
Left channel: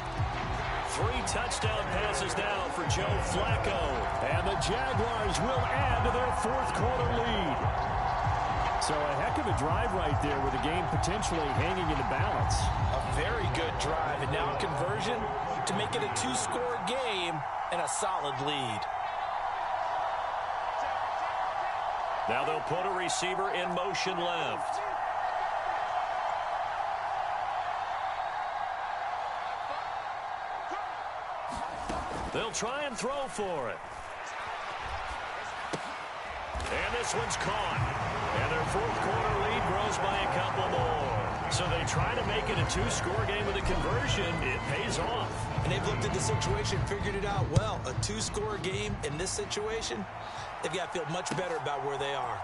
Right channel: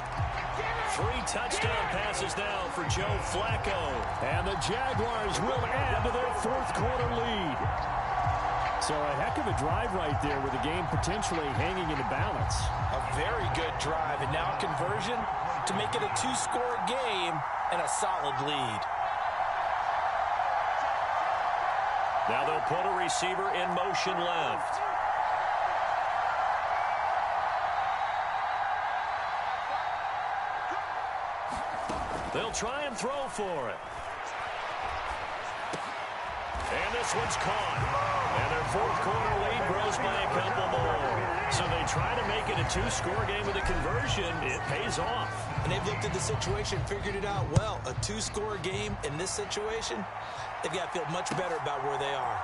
3 touchdown passes now for Joe Flacco. And the Jaguars will add to their fourth quarter lead. So a heck of a drive right there with the game potentially hanging in the balance. A very good drive, and now a conversion to make it a 2-score game and a solid lead. Now they'll put a receiver in motion left. They'll try and throw for it. And this one's caught. And their fourth quarter lead grows by a couple more. So they try to make it a 2-score game with a conversion. It pays off. And they've looked at the situation, figured it out well. A 2-score game in this situation, they've got to feel much better about where they are.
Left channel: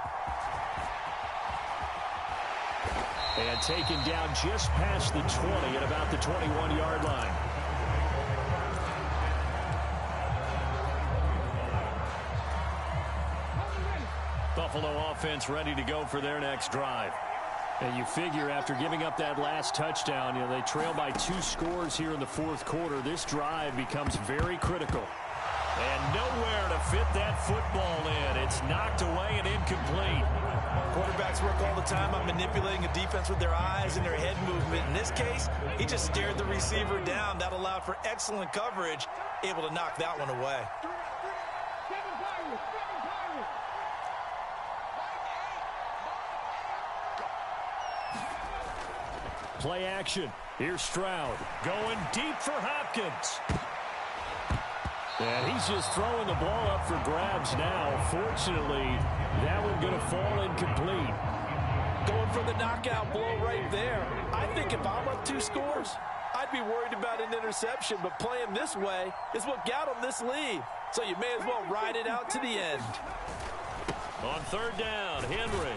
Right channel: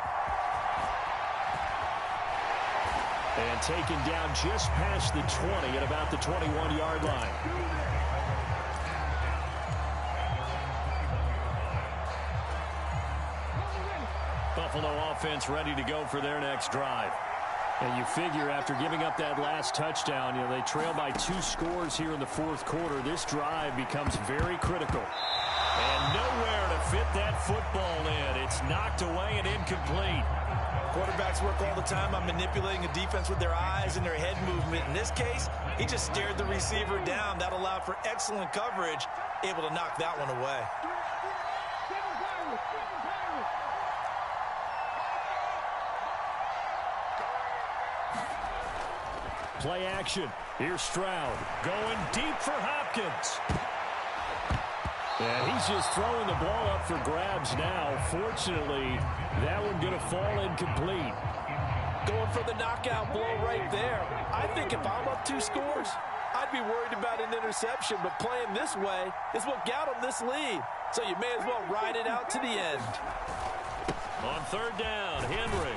And taken down just past the 20 at about the 21-yard line. Buffalo offense ready to go for their next drive. And you figure after giving up that last touchdown, they trail by 2 scores here in the fourth quarter. This drive becomes very critical. And nowhere to fit that football in. It's knocked away and incomplete. Quarterbacks work all the time on manipulating a defense with their eyes and their head movement. In this case, he just stared the receiver down. That allowed for excellent coverage, able to knock that one away. Play action. Here's Stroud going deep for Hopkins. And he's just throwing the ball up for grabs now. Fortunately, that one going to fall incomplete. Going for the knockout blow right there. I think if I'm up 2 scores, I'd be worried about an interception, but playing this way is what got him this lead. So you may as well ride it out to the end. On third down, Henry.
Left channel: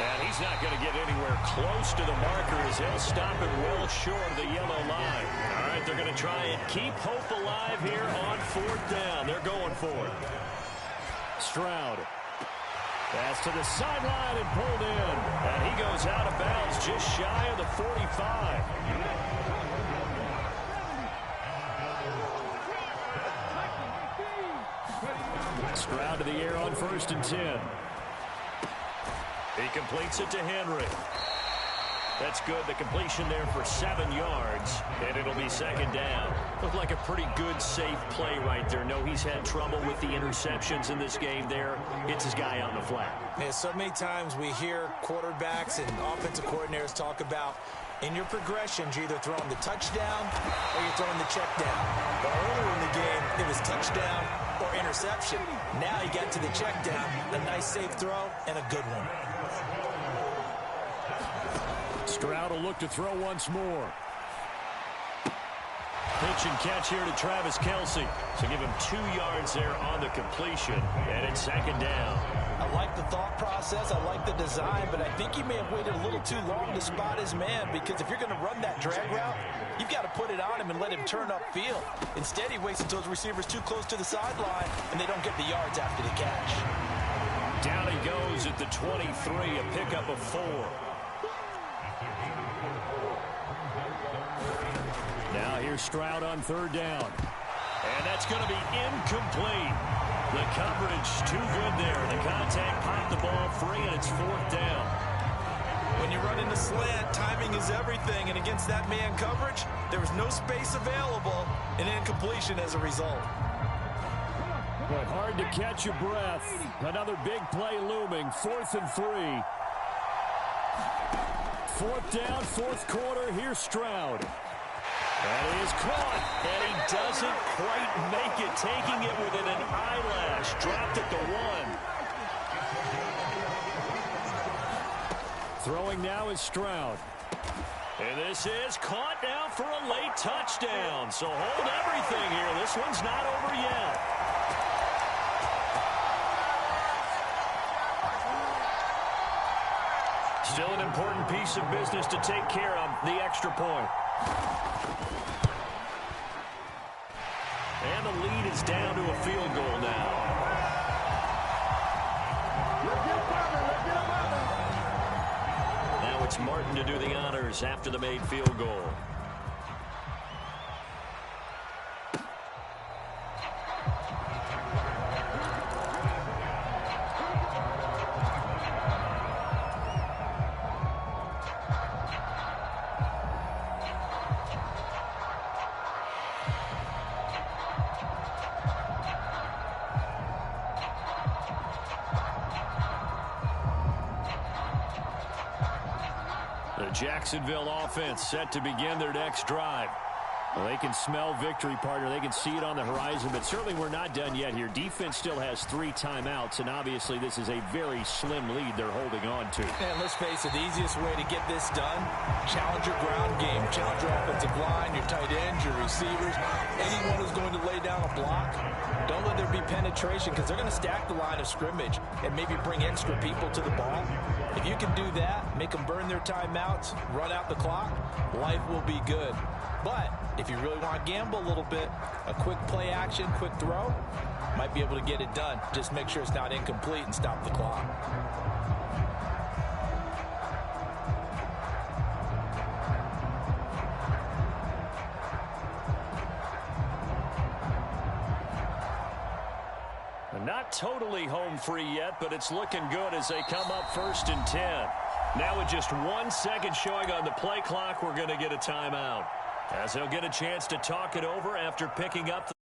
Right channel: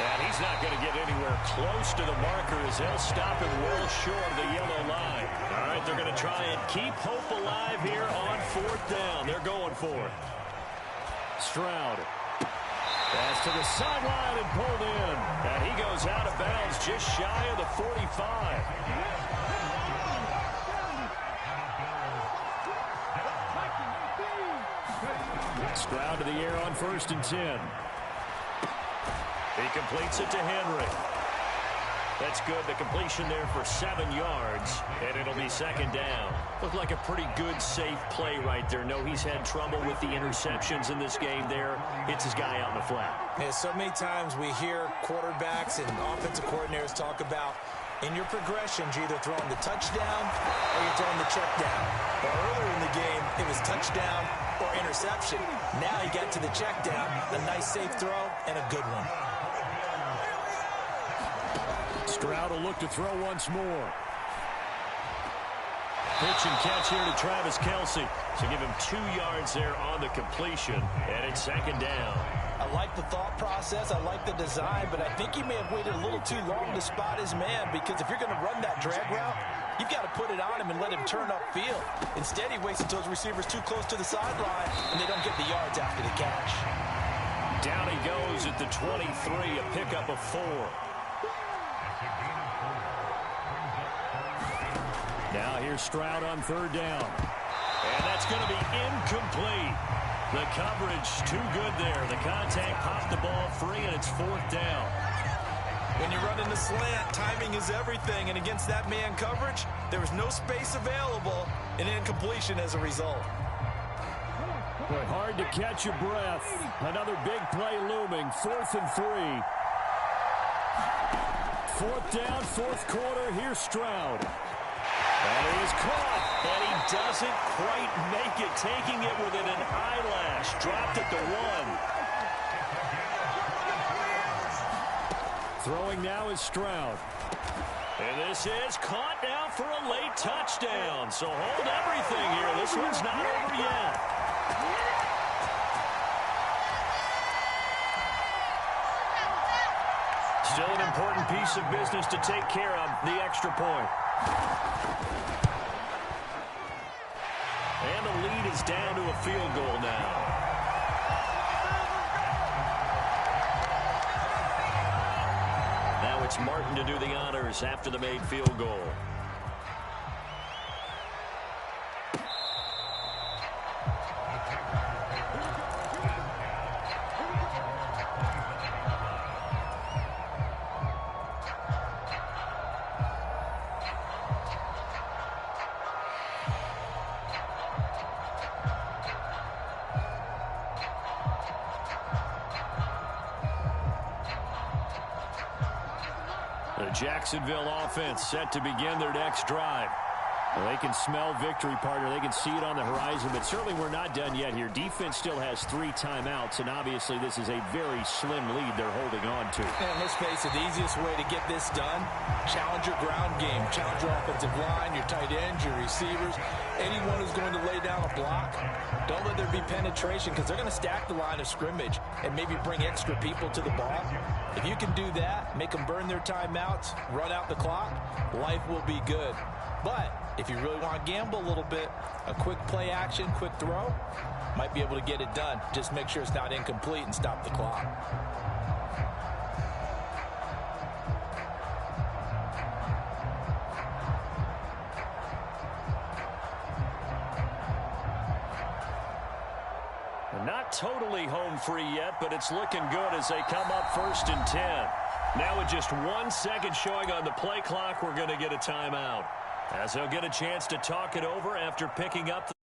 And he's not going to get anywhere close to the marker as he'll stop him well short of the yellow line. All right, they're going to try and keep hope alive here on fourth down. They're going for it. Stroud. Pass to the sideline and pulled in. And he goes out of bounds just shy of the 45. Stroud to the air on 1st and 10. He completes it to Henry. That's good. The completion there for 7 yards, and it'll be 2nd down. Looked like a pretty good, safe play right there. No, he's had trouble with the interceptions in this game there. Hits his guy out in the flat. Yeah, so many times we hear quarterbacks and offensive coordinators talk about in your progressions, you're either throwing the touchdown or you're throwing the check down. But earlier in the game, it was touchdown or interception. Now he got to the check down, a nice safe throw, and a good one. Stroud will look to throw once more. Pitch and catch here to Travis Kelce. So give him 2 yards there on the completion, and it's 2nd down. I like the thought process. I like the design, but I think he may have waited a little too long to spot his man, because if you're going to run that drag route, you've got to put it on him and let him turn upfield. Instead, he waits until his receiver's too close to the sideline, and they don't get the yards after the catch. Down he goes at the 23, a pickup of 4. Now here's Stroud on 3rd down. And that's going to be incomplete. The coverage too good there. The contact popped the ball free, and it's 4th down. When you run in the slant, timing is everything. And against that man coverage, there was no space available, and incompletion as a result. Boy, hard to catch your breath. Another big play looming. 4th and 3. 4th down, 4th quarter. Here's Stroud. And he is caught, and he doesn't quite make it, taking it within an eyelash. Dropped at the 1. Throwing now is Stroud. And this is caught now for a late touchdown. So hold everything here. This one's not over yet. Still an important piece of business to take care of, the extra point. And the lead is down to a field goal now. Now it's Martin to do the honors after the made field goal. The Jacksonville offense set to begin their next drive. Well, they can smell victory, partner. They can see it on the horizon, but certainly we're not done yet here. Defense still has 3 timeouts, and obviously this is a very slim lead they're holding on to. And let's face it, the easiest way to get this done, challenge your ground game. Challenge your offensive line, your tight ends, your receivers, anyone who's going to lay down a block. Don't let there be penetration, because they're going to stack the line of scrimmage and maybe bring extra people to the ball. If you can do that, make them burn their timeouts, run out the clock, life will be good. But If you really want to gamble a little bit, a quick play action, quick throw, might be able to get it done. Just make sure it's not incomplete and stop the clock. Not totally home free yet, but it's looking good as they come up 1st and 10. Now with just 1 second showing on the play clock, we're going to get a timeout, as they'll get a chance to talk it over after picking up the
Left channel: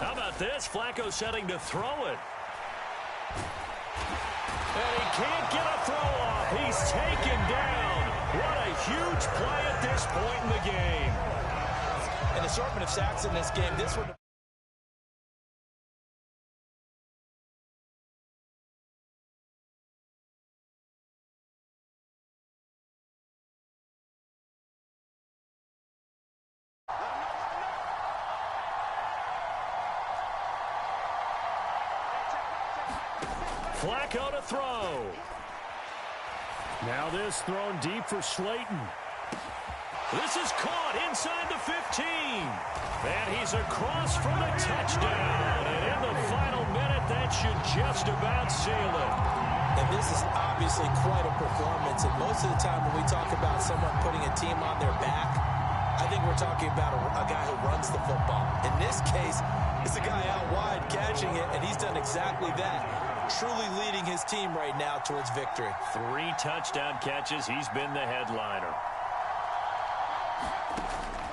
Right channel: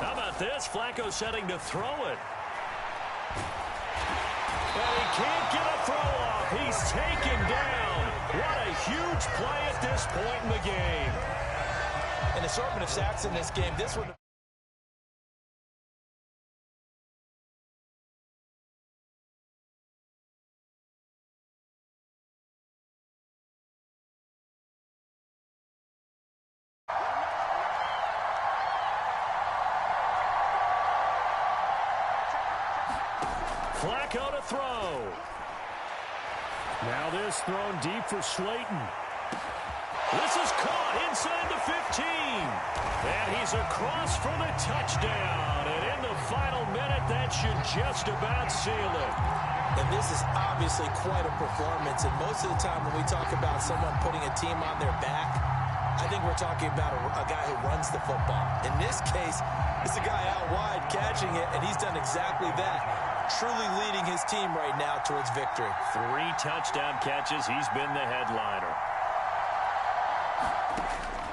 How about this? Flacco setting to throw it. And he can't get a throw off. He's taken down. What a huge play at this point in the game. An assortment of sacks in this game. This one. Flacco to throw. Now this thrown deep for Slayton. This is caught inside the 15. And he's across for the touchdown. And in the final minute, that should just about seal it. And this is obviously quite a performance. And most of the time when we talk about someone putting a team on their back, I think we're talking about a guy who runs the football. In this case, it's a guy out wide catching it, and he's done exactly that. Truly leading his team right now towards victory. 3 touchdown catches. He's been the headliner.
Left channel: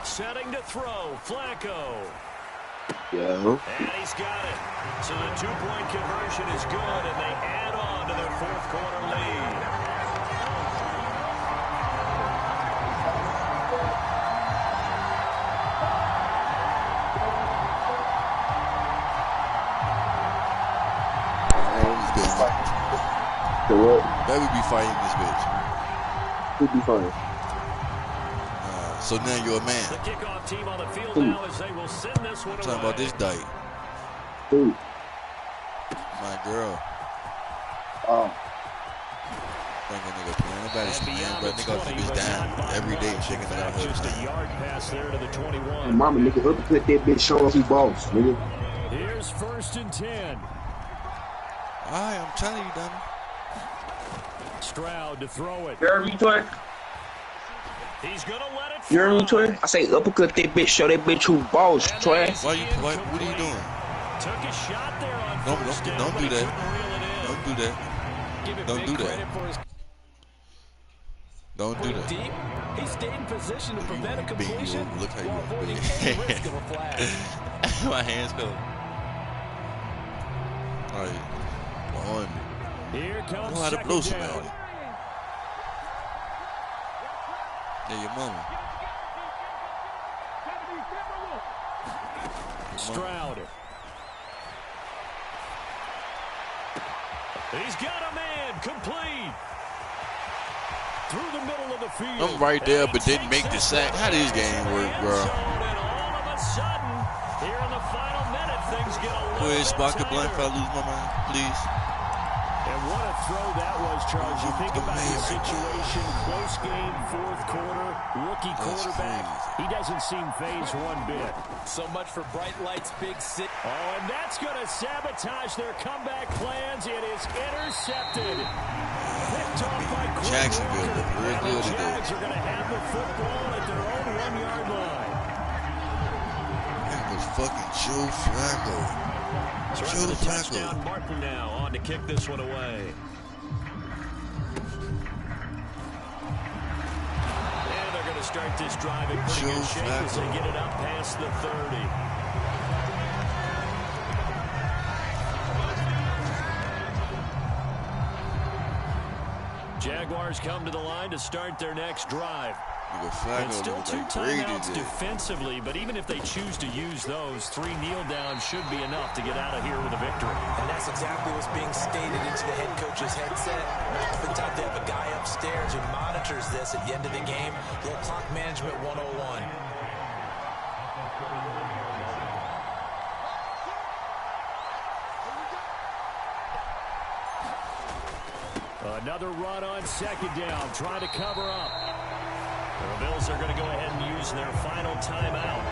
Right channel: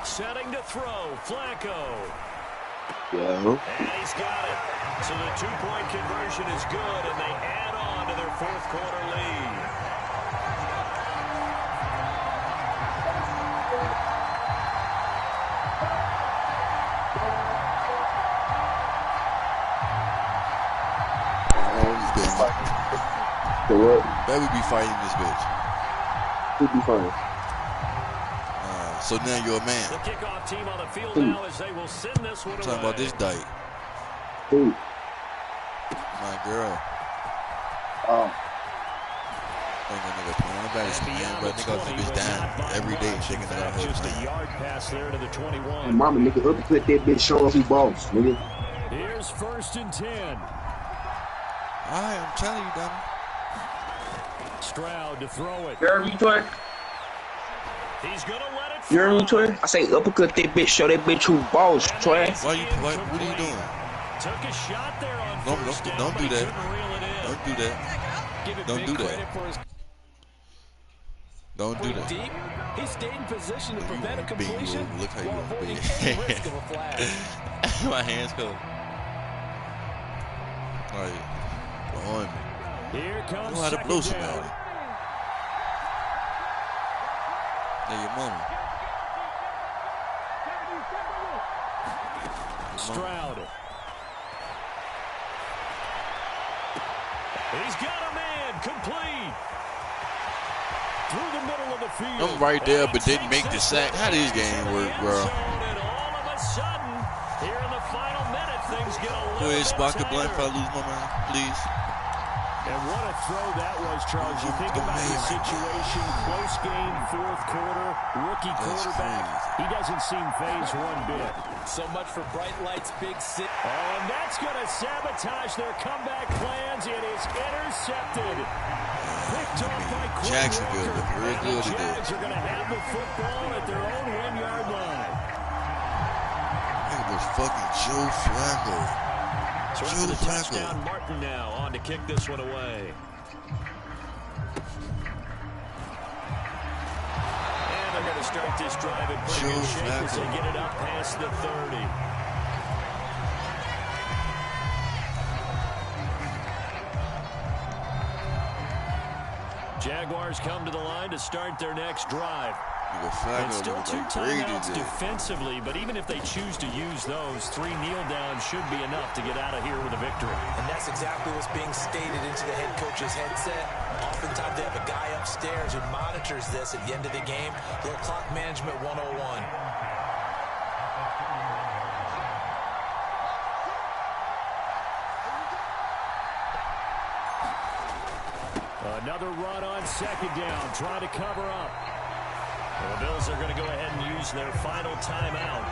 Setting to throw, Flacco. Yeah. And he's got it. So the 2-point conversion is good, and they add on to their 4th quarter lead. So what? That would be fighting this bitch. Who'd be fighting? So now you're a man. The kickoff team on the field now as they will send this one I'm away. talking about this dyke. Who? My girl. Oh. Think a nigga playing the baddest man, but nigga keep his down every day, shaking it out. Just a yard pass there to the 21. And mama, nigga, uppercut that bitch, show us who boss, nigga. Here's 1st and 10. Alright, I'm telling you, dummy. Stroud to throw it. You heard me, Toy? He's gonna let it You heard me, fly. Toy? I say uppercut that bitch, show that bitch who boss, Toy. What are you doing? Took a shot there on Don't do that. Don't do that. Give it Don't big do that. credit for his Don't do that. deep. He stayed in position to You prevent a wanna be completion moved. Look how you while wanna be. avoiding any risk of a flag. My hands covered. Alright. Behind me. Here You comes know how to blow second somebody. down. Yeah, your mama. Stroud. He's got a man complete. Through the middle of the field. I'm right there, And but he didn't make takes the it sack. How to this game the work, end bro? zone, and all of a sudden, here in the final minute, things get a little Go ahead, bit spark the blunt tighter. if I lose my mind, please. And what a throw that was, Charles. You think about the situation, close game, 4th quarter, rookie quarterback. crazy. He doesn't seem phased one bit. So much for bright lights, big city. Oh, and that's going to sabotage their comeback plans. It is intercepted. Picked off by Quinn Jacksonville Walker. looked real And good the today. Jags are going to have the football at their own 1-yard line. That was fucking Joe Flacco. So after the touchdown, Martin now on to kick this one away. And they're going to start this drive in pretty good shape as they get it up past the 30. Jaguars come to the line to start their next drive. And still 2 timeouts defensively, but even if they choose to use those, 3 kneel downs should be enough to get out of here with a victory. And that's exactly what's being stated into the head coach's headset. Oftentimes they have a guy upstairs who monitors this at the end of the game. A little clock management 101. Another run on 2nd down, trying to cover up. The Bills are going to go ahead and use their final timeout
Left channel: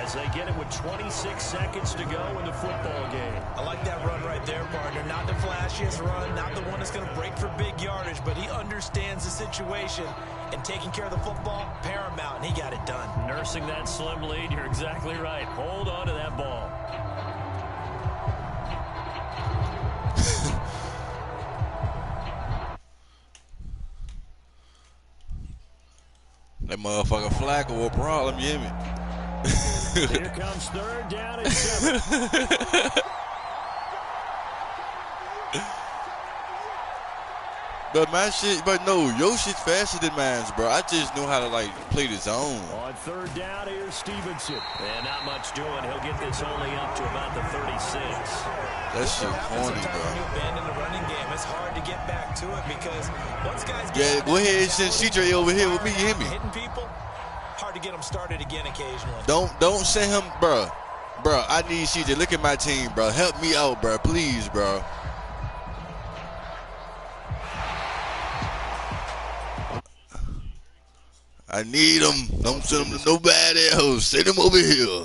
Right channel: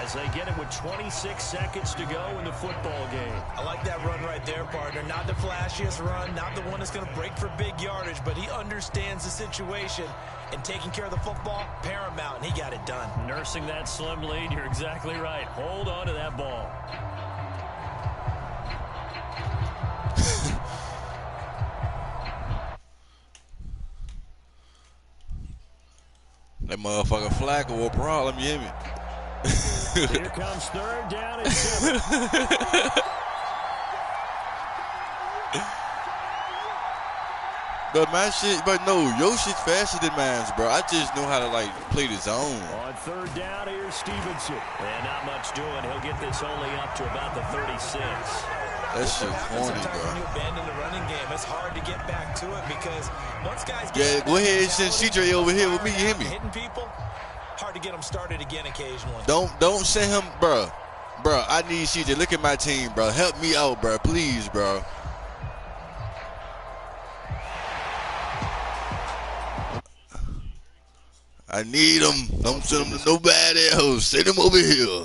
as they get it with 26 seconds to go in the football game. I like that run right there, partner. Not the flashiest run, not the one that's going to break for big yardage, but he understands the situation, and taking care of the football, paramount, and he got it done. Nursing that slim lead, you're exactly right. Hold on to that ball. That motherfucker Flacco a problem, you hear me? Here comes 3rd down and 7. But my shit, but no, your shit's faster than mine, bro. I just know how to like play the zone. On 3rd down, here's Stevenson. And not much doing. He'll get this only up to about the 36. That shit corny, bro. When you abandon the running game, it's hard to get back to it because once guys get go ahead and send CJ over here with me. You hear me? Hitting people, hard to get them started again occasionally. Don't send him, bro. Bro, I need CJ. Look at my team, bro. Help me out, bro. Please, bro. I need him. Don't send him to nobody else. Send him over here.